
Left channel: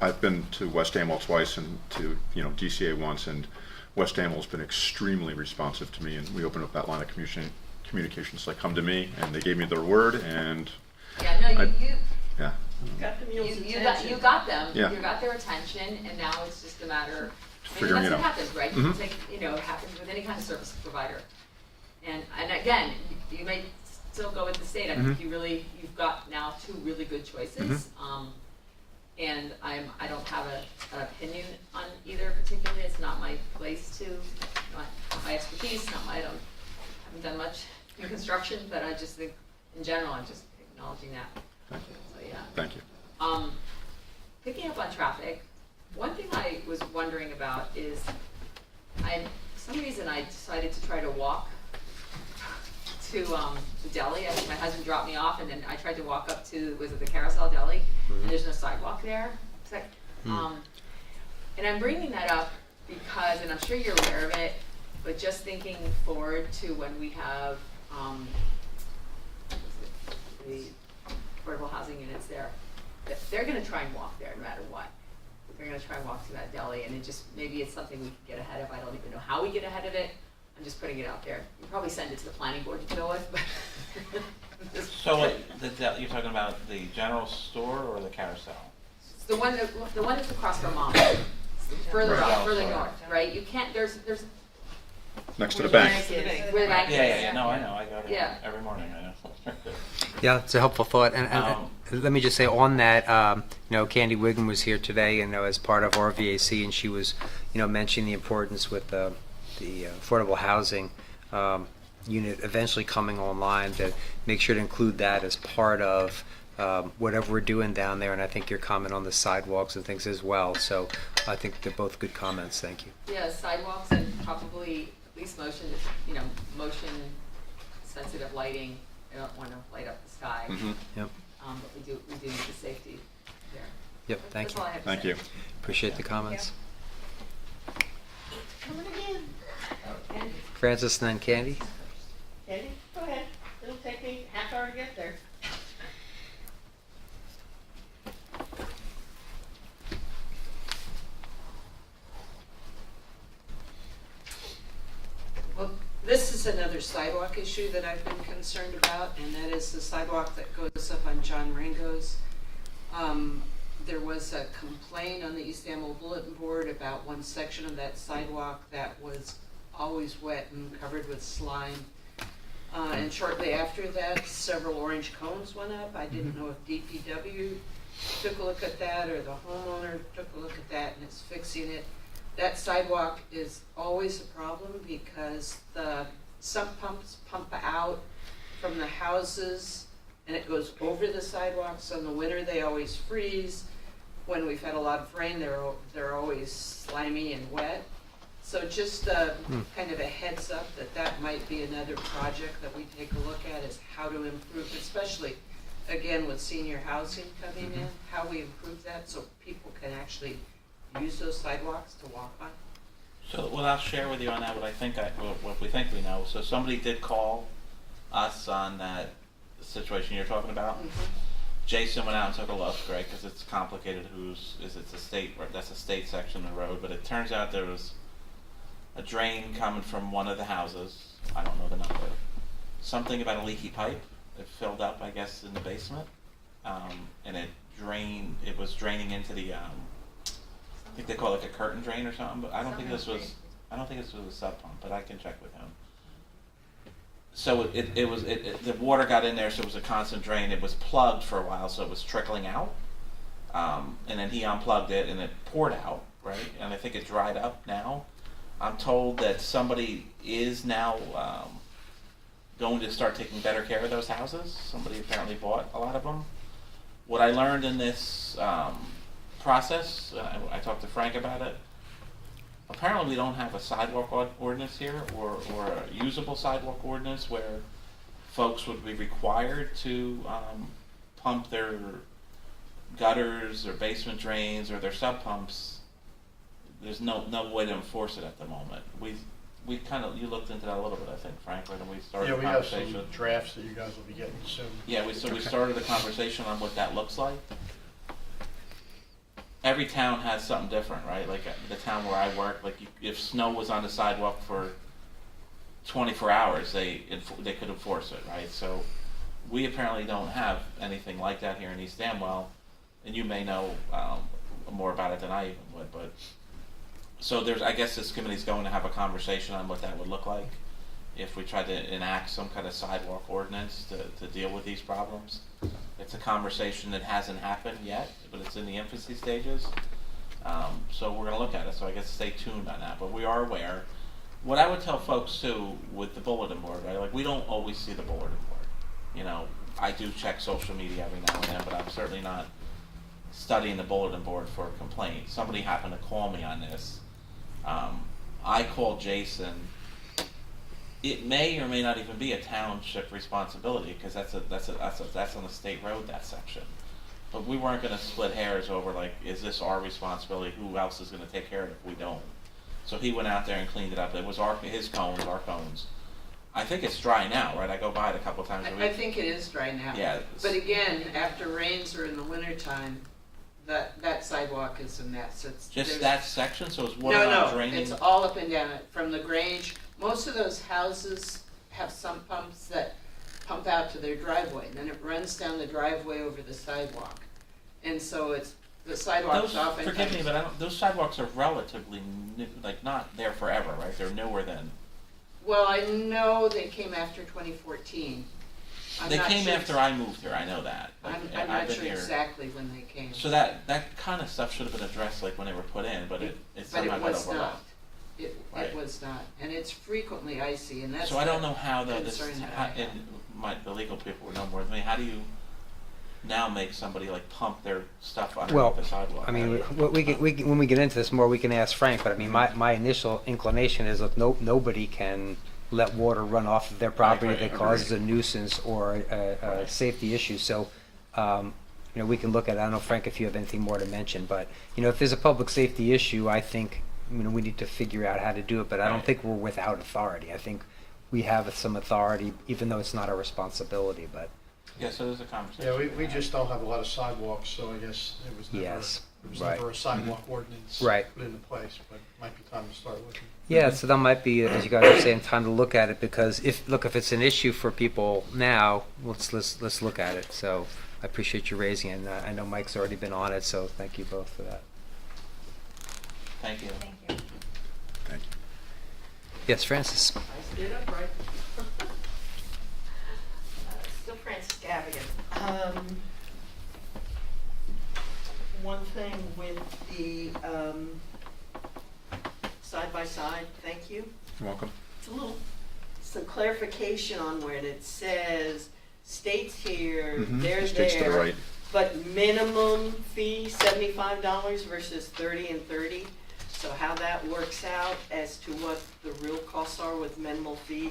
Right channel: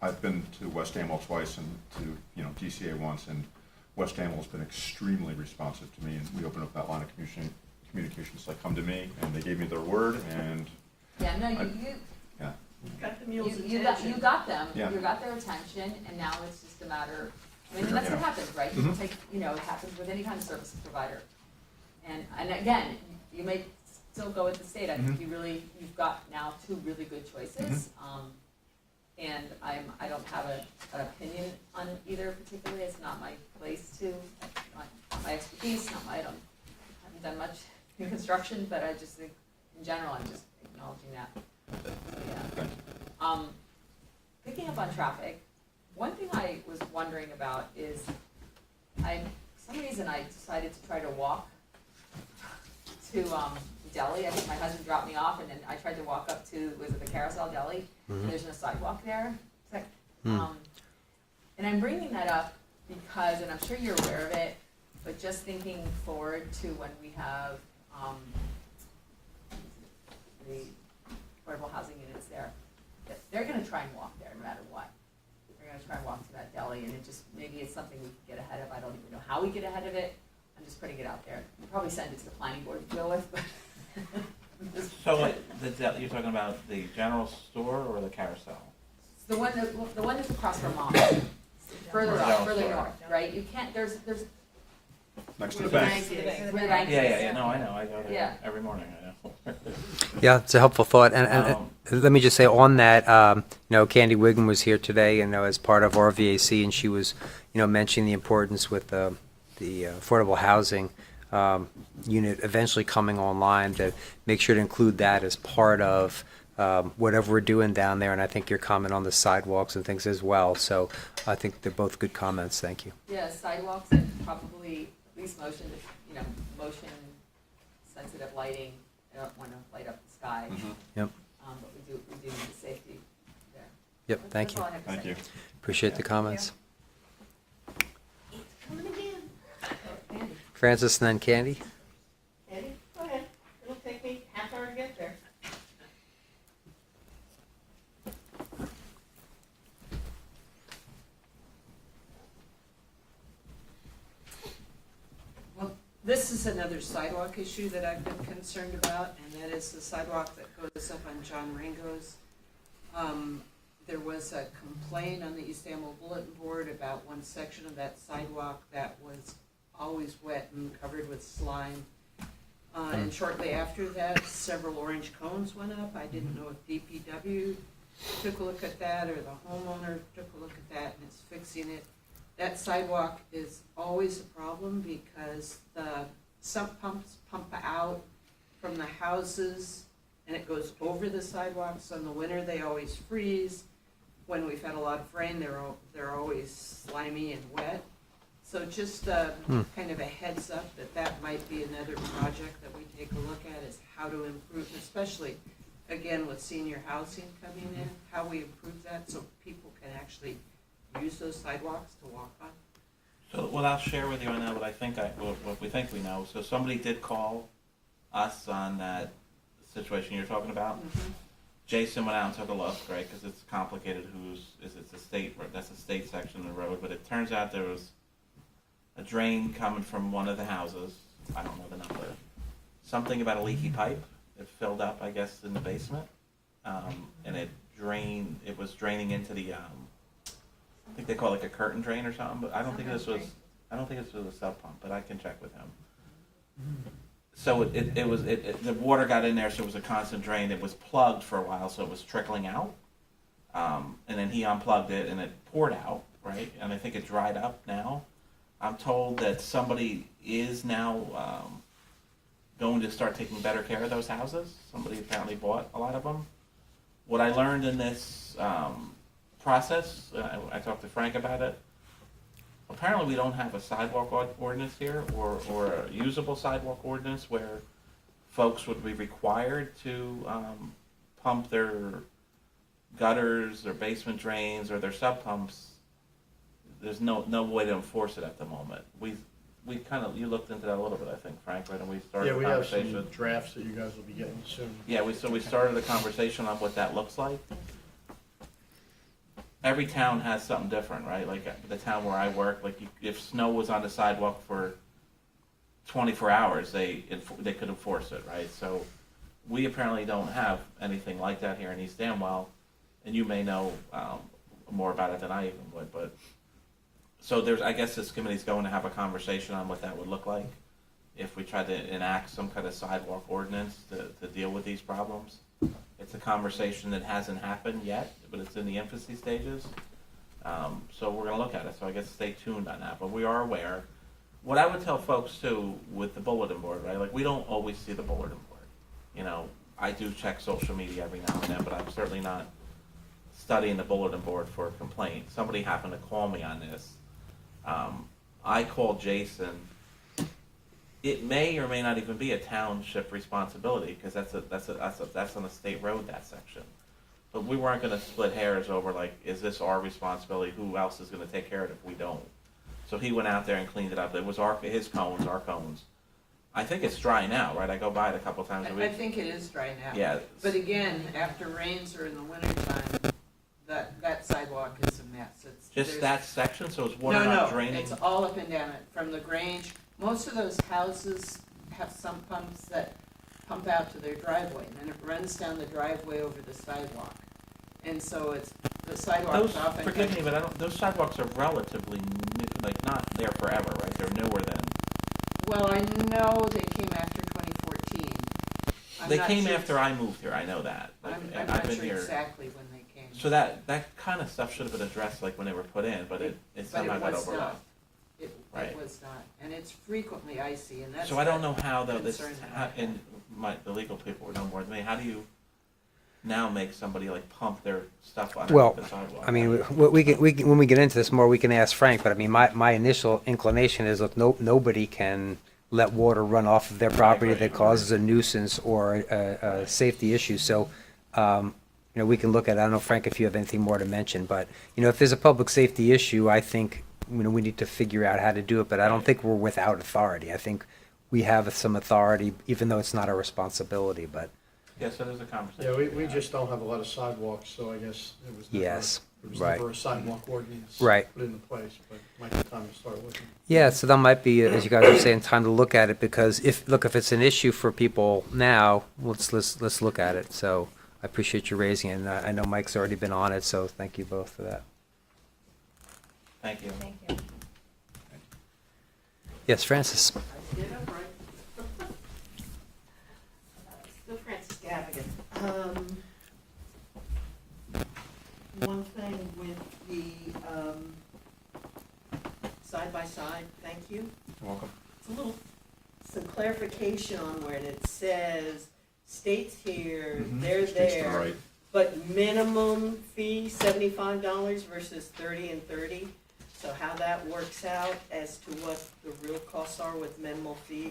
I've been to West Amwell twice and to DCA once, and West Amwell's been extremely responsive to me, and we opened up that line of communications like come to me, and they gave me their word, and Yeah, no, you yeah, Got the mule's you attention. got them. Yeah. You got their attention, and now it's just a matter. Figuring That's it what out. happens, right? You take, it happens with any kind of service provider. And again, you may still go with the state. I think you've got now two really good choices. And I don't have an opinion on either particularly. It's not my place to, not my expertise. I haven't done much in construction, but I just think in general, I'm just acknowledging that. Yeah. thank you. Picking up on traffic, one thing I was wondering about is, for some reason I decided to try to walk to Deli. I think my husband dropped me off, and then I tried to walk up to, was it the Carousel Deli? And there's no sidewalk there. It's like, and I'm bringing that up because, and I'm sure you're aware of it, but just thinking forward to when we have the affordable housing units there, that they're going to try and walk there no matter what. They're going to try and walk to that deli, and maybe it's something we can get ahead of. I don't even know how we get ahead of it. I'm just putting it out there. You probably send it to the planning board to deal with, but. So you're talking about the general store or the carousel? It's the one that's across from Mom. Further Right. up, further north, right? You can't, there's Next to the bank. where the bank is. Yeah, no, I know, I go there Yeah. every morning, I know. Yeah, it's a helpful thought. And let me just say on that, Candy Wiggum was here today, as part of our VAC, and she was, mentioning the importance with the affordable housing unit eventually coming online, to make sure to include that as part of whatever we're doing down there. And I think your comment on the sidewalks and things as well. So I think they're both good comments. Thank you. Yeah, sidewalks and probably at least motion sensitive lighting. I don't want to light up the sky. Yep. But we do need the safety there. Yep. Thank That's you. all I have to Thank say. you. Appreciate the comments. Coming again. Oh, Andy. Francis and then Candy. Eddie, go ahead. It'll take me half hour to get there. Well, this is another sidewalk issue that I've been concerned about, and that is the sidewalk that goes up on John Rango's. There was a complaint on the East Amwell Bulletin Board about one section of that sidewalk that was always wet and covered with slime. And shortly after that, several orange cones went up. I didn't know if DPW took a look at that or the homeowner took a look at that and is fixing it. That sidewalk is always a problem because the sump pumps pump out from the houses and it goes over the sidewalks. So in the winter, they always freeze. When we've had a lot of rain, they're always slimy and wet. So just kind of a heads up that might be another project that we take a look at, is how to improve, especially again, with senior housing coming in, how we improve that so people can actually use those sidewalks to walk on. So what I'll share with you on that, what we think we know. So somebody did call us on that situation you're talking about. Jason went out and took a look, right? Because it's complicated. It's a state? That's a state section of the road. But it turns out there was a drain coming from one of the houses. I don't know the number. Something about a leaky pipe. It filled up, I guess, in the basement, and it was draining into the. I think they call it like a curtain drain or something. But I don't think this was a sub pump. But I can check with him. So the water got in there, so it was a constant drain. It was plugged for a while, so it was trickling out. And then he unplugged it, and it poured out, right? And I think it dried up now. I'm told that somebody is now going to start taking better care of those houses. Somebody apparently bought a lot of them. What I learned in this process, I talked to Frank about it. Apparently we don't have a sidewalk ordinance here or a usable sidewalk ordinance where folks would be required to pump their gutters or basement drains or their sub pumps. There's no way to enforce it at the moment. We kind of, you looked into that a little bit, I think, Frank, right? And we started Yeah, the we have conversation. some drafts that you guys will be getting soon. Yeah, we started the conversation on what that looks like. Every town has something different, right? Like the town where I work, like if snow was on the sidewalk for 24 hours, they could enforce it, right? So we apparently don't have anything like that here in East Amwell, and you may know more about it than I even would. But so I guess this committee's going to have a conversation on what that would look like if we try to enact some kind of sidewalk ordinance to deal with these problems. It's a conversation that hasn't happened yet, but it's in the infancy stages. So we're going to look at it. So I guess stay tuned on that. But we are aware. What I would tell folks too with the bulletin board, right? Like we don't always see the bulletin board. You know, I do check social media every now and then, but I'm certainly not studying the bulletin board for a complaint. Somebody happened to call me on this. I called Jason. It may or may not even be a township responsibility because that's on a state road, that section. But we weren't going to split hairs over like, is this our responsibility? Who else is going to take care of it if we don't? So he went out there and cleaned it up. It was his cones, our cones. I think it's dry now, right? I go by it a couple times a week. I think it is dry now. Yeah. But again, after rains or in the wintertime, that sidewalk is a mess. Just that section, so it's water not draining. No, it's all up and down it, from the Grange. Most of those houses have sump pumps that pump out to their driveway, and then it runs down the driveway over the sidewalk. And so the sidewalks often. Forgive me, but those sidewalks are relatively new, like not there forever, right? They're newer than. Well, I know they came after 2014. They came after I moved here. I know that. Like, I'm I've not been sure here. exactly when they came. So that kind of stuff should have been addressed like when they were put in, but it somehow got overlooked. It Right. was not, and it's frequently icy, and that's. So I don't know how though this, concern that I have. and the legal people would know more than me. How do you now make somebody like pump their stuff underneath the sidewalk? I mean, when we get into this more, we can ask Frank. But I mean, my initial inclination is that nobody can let water run off of their property that causes a nuisance or a safety issue. So, we can look at it. I don't know, Frank, if you have anything more to mention. But if there's a public safety issue, I think we need to figure out how to do it. But I don't think we're without authority. I think we have some authority, even though it's not our responsibility. But yeah, so there's a conversation. Yeah, we just don't have a lot of sidewalks, so I guess it was never, Yes, there was right. never a sidewalk ordinance put into place, but it might be time to start looking. yeah, so that might be, as you guys are saying, time to look at it because if it's an issue for people now, let's look at it. So I appreciate you raising it. And I know Mike's already been on it, so thank you both for that. Thank you. Thank you. Yes, Francis. Still Francis Gavigan. One thing with the side-by-side, thank you. You're welcome. Some clarification on where it says states here, they're States to the there, right. but minimum fee $75 versus $30 and $30. So how that works out as to what the real costs are with minimal fee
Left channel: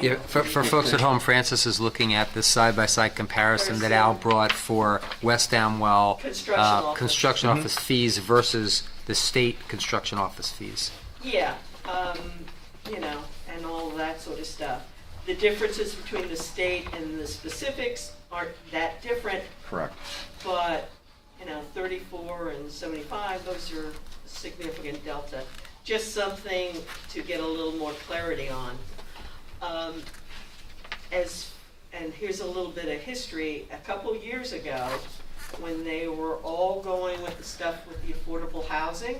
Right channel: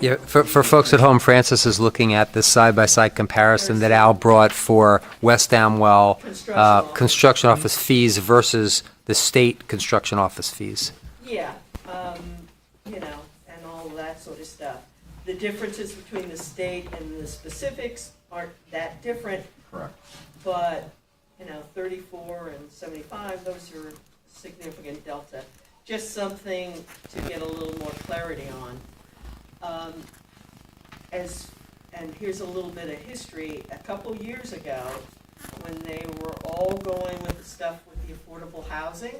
Yeah, for folks at home, Francis is looking at this side-by-side comparison that Al brought for West Amwell construction office fees versus the state construction office fees. Yeah, you know, and all that sort of stuff. The differences between the state and the specifics aren't that different, Correct. but, you know, 34 and 75, those are significant delta. Just something to get a little more clarity on. And here's a little bit of history. A couple years ago, when they were all going with the stuff with the affordable housing,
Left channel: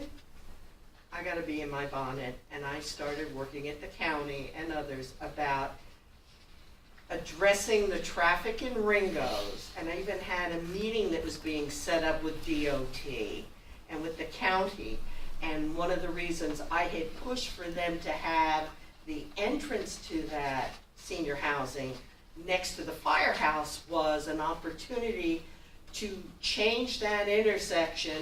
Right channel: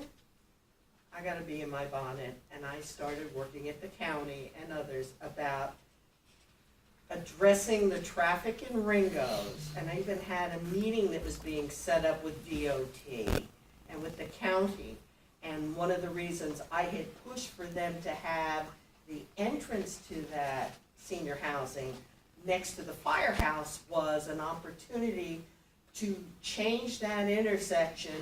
I got to be in my bonnet, and I started working at the county and others about addressing the traffic in Ringo's, and I even had a meeting that was being set up with DOT and with the county, and one of the reasons I had pushed for them to have the entrance to that senior housing next to the firehouse was an opportunity to change that intersection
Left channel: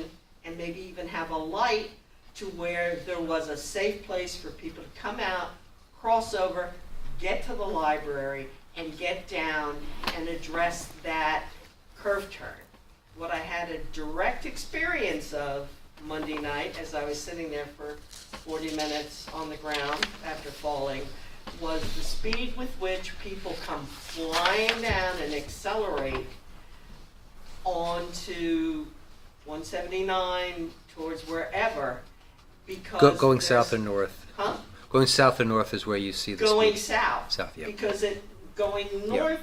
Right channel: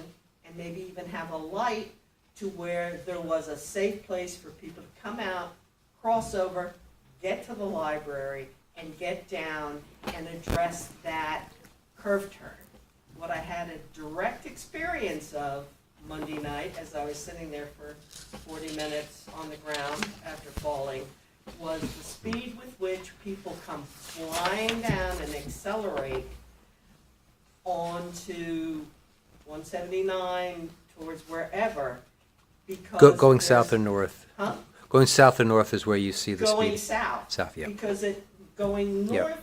and maybe even have a light to where there was a safe place for people to come out, cross over, get to the library, and get down and address that curve turn. What I had a direct experience of Monday night as I was sitting there for 40 minutes on the ground after falling was the speed with which people come flying down and accelerate onto 179 towards wherever because Going south or north? Huh? Going south or north is where you see the Going speed. south. South, yeah. Because going Yeah. north,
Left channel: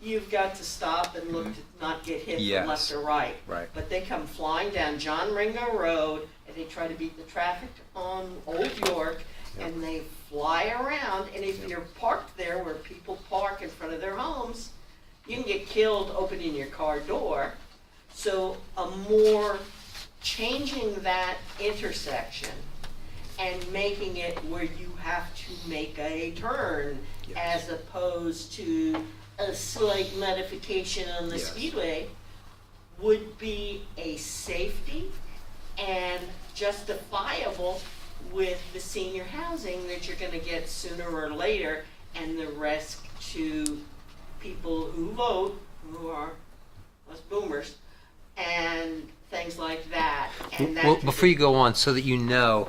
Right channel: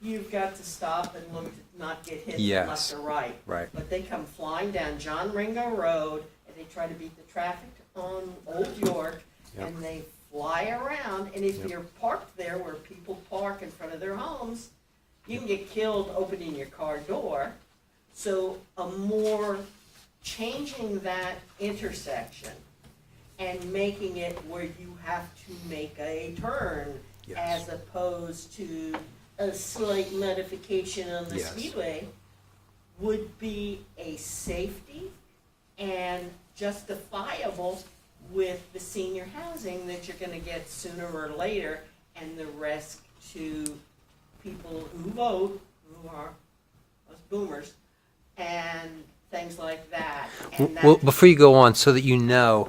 you've got to stop and look to not get hit Yes. from left or right. Right. But they come flying down John Ringo Road and they try to beat the traffic on Old York Yep. and they fly around. And if Yep. you're parked there where people park in front of their homes, you can get killed opening your car door. So changing that intersection and making it where you have to make a turn Yes. as opposed to a slight modification on the Yes. speedway would be a safety and justifiable with the senior housing that you're going to get sooner or later, and the risk to people who vote, who are us boomers, and things like that. And Well, before you go on, so that you know,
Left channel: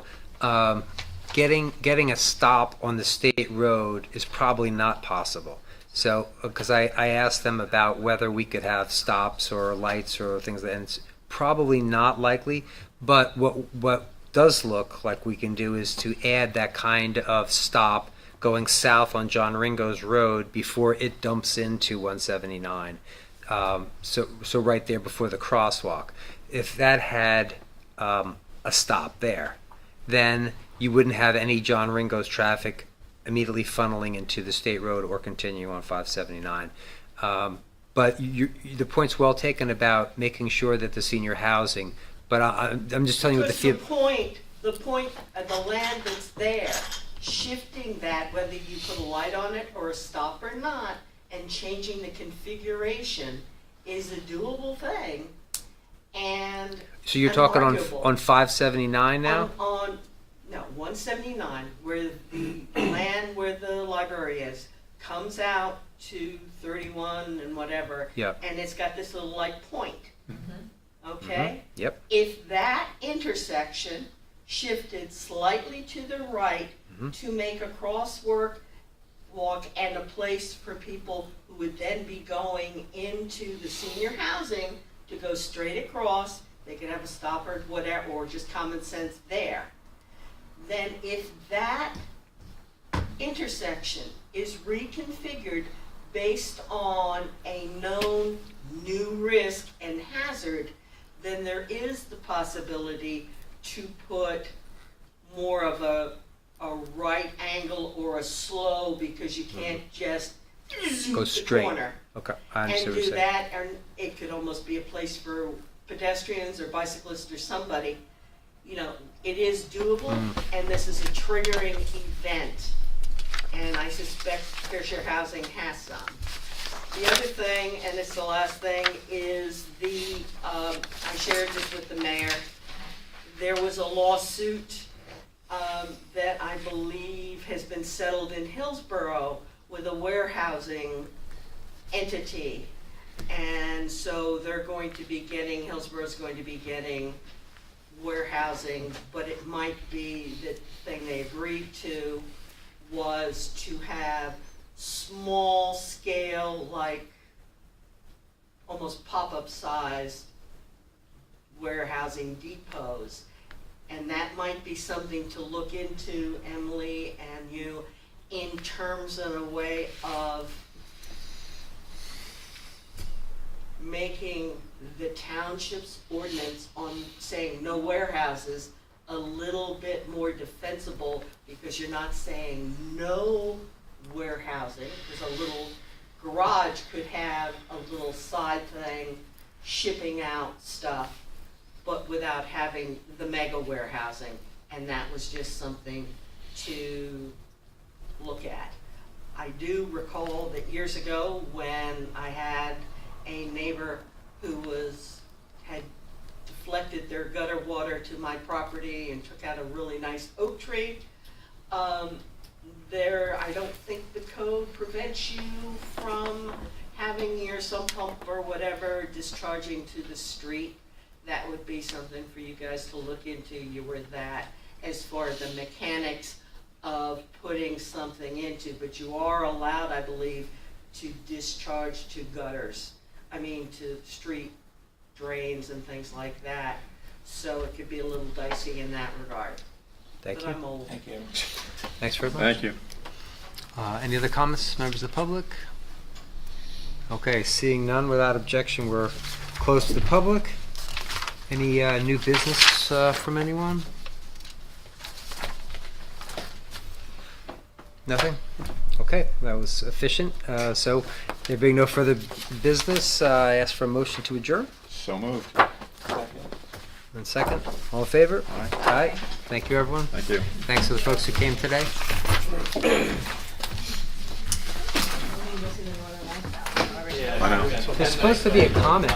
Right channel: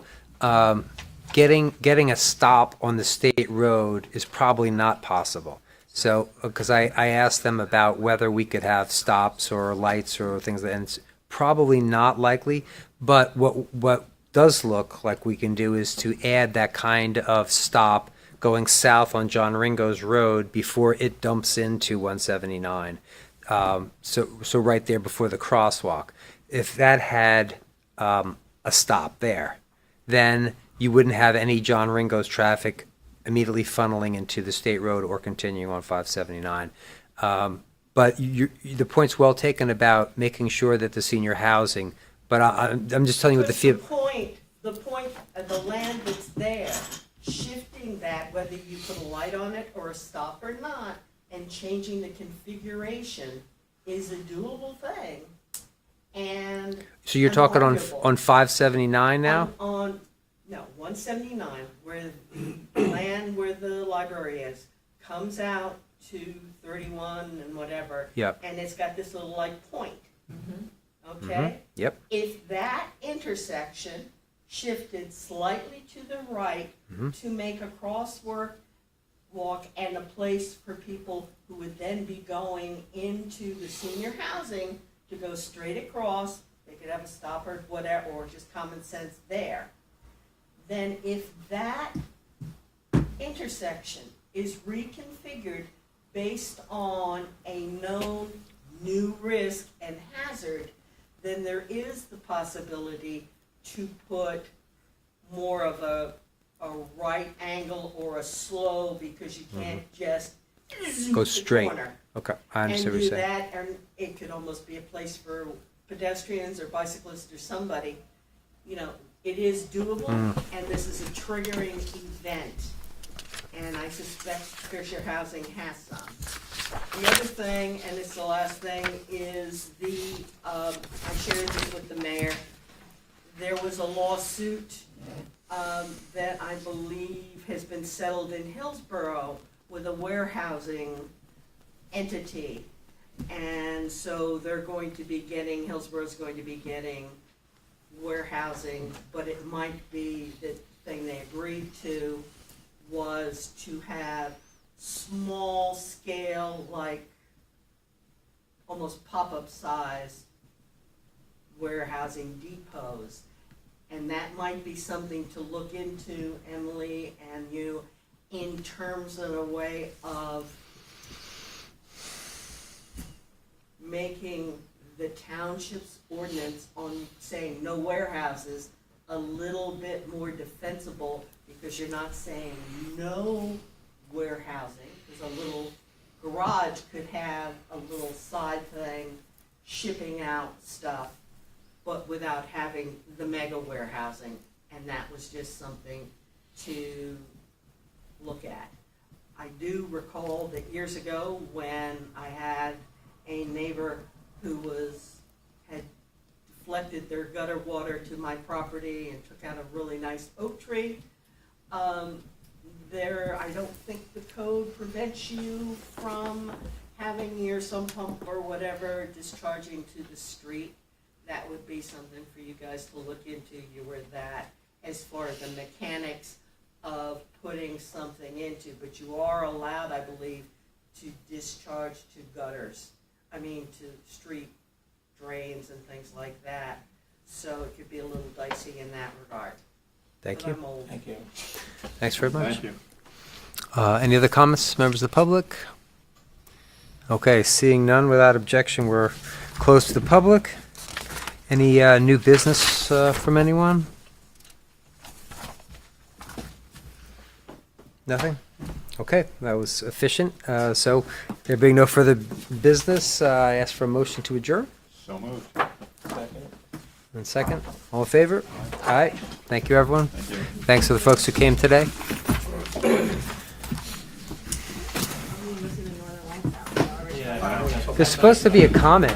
getting a stop on the state road is probably not possible. So, because I asked them about whether we could have stops or lights or things like that, and it's probably not likely. But what does look like we can do is to add that kind of stop going south on John Ringo's Road before it dumps into 179. So right there before the crosswalk. If that had a stop there, then you wouldn't have any John Ringo's traffic immediately funneling into the state road or continuing on 579. But the point's well taken about making sure that the senior housing, but I'm just telling you what the Because field. the point and the land that's there, shifting that, whether you put a light on it or a stop or not, and changing the configuration is a doable thing. And So you're talking unarguable. on 579 now? No, 179, where the land where the library is, comes out to 31 and whatever. Yep. And it's got this little light point. Okay? Yep. If that intersection shifted slightly to the right to make a crosswalk and a place for people who would then be going into the senior housing to go straight across, they could have a stop or whatever, or just common sense there. Then if that intersection is reconfigured based on a known new risk and hazard, then there is the possibility to put more of a right angle or a slow, because you can't just Go the straight. corner. Okay, I And understand what do you're saying. that, and it could almost be a place for pedestrians or bicyclists or somebody. You know, it is doable, and this is a triggering event. And I suspect Fair Share Housing has some. The other thing, and it's the last thing, is I shared this with the mayor. There was a lawsuit that I believe has been settled in Hillsborough, with a warehousing entity. And so they're going to be getting, Hillsboro's going to be getting warehousing, but it might be that thing they agreed to was to have small scale, like almost pop-up size warehousing depots. And that might be something to look into, Emily and you, in terms of a way of making the township's ordinance on saying no warehouses a little bit more defensible, because you're not saying no warehousing, because a little garage could have a little side thing shipping out stuff, but without having the mega warehousing. And that was just something to look at. I do recall that years ago when I had a neighbor who had deflected their gutter water to my property and took out a really nice oak tree. I don't think the code prevents you from having your sump pump or whatever discharging to the street. That would be something for you guys to look into. You were that as far as the mechanics of putting something into, but you are allowed, I believe, to discharge to gutters. I mean, to street drains and things like that. So it could be a little dicey in that regard. Thank But you. I'm old. Thank you. Thanks very much. Thank you. Any other comments, members of the public? Okay, seeing none, without objection, we're closed to the public. Any new business from anyone? Nothing? Okay, that was efficient. So there being no further business, I ask for a motion to adjourn. So moved. And second, all in favor? Aye. Thank you, everyone. Thank you. Thanks to the folks who came today. Yeah. I know. There's supposed to be a comment.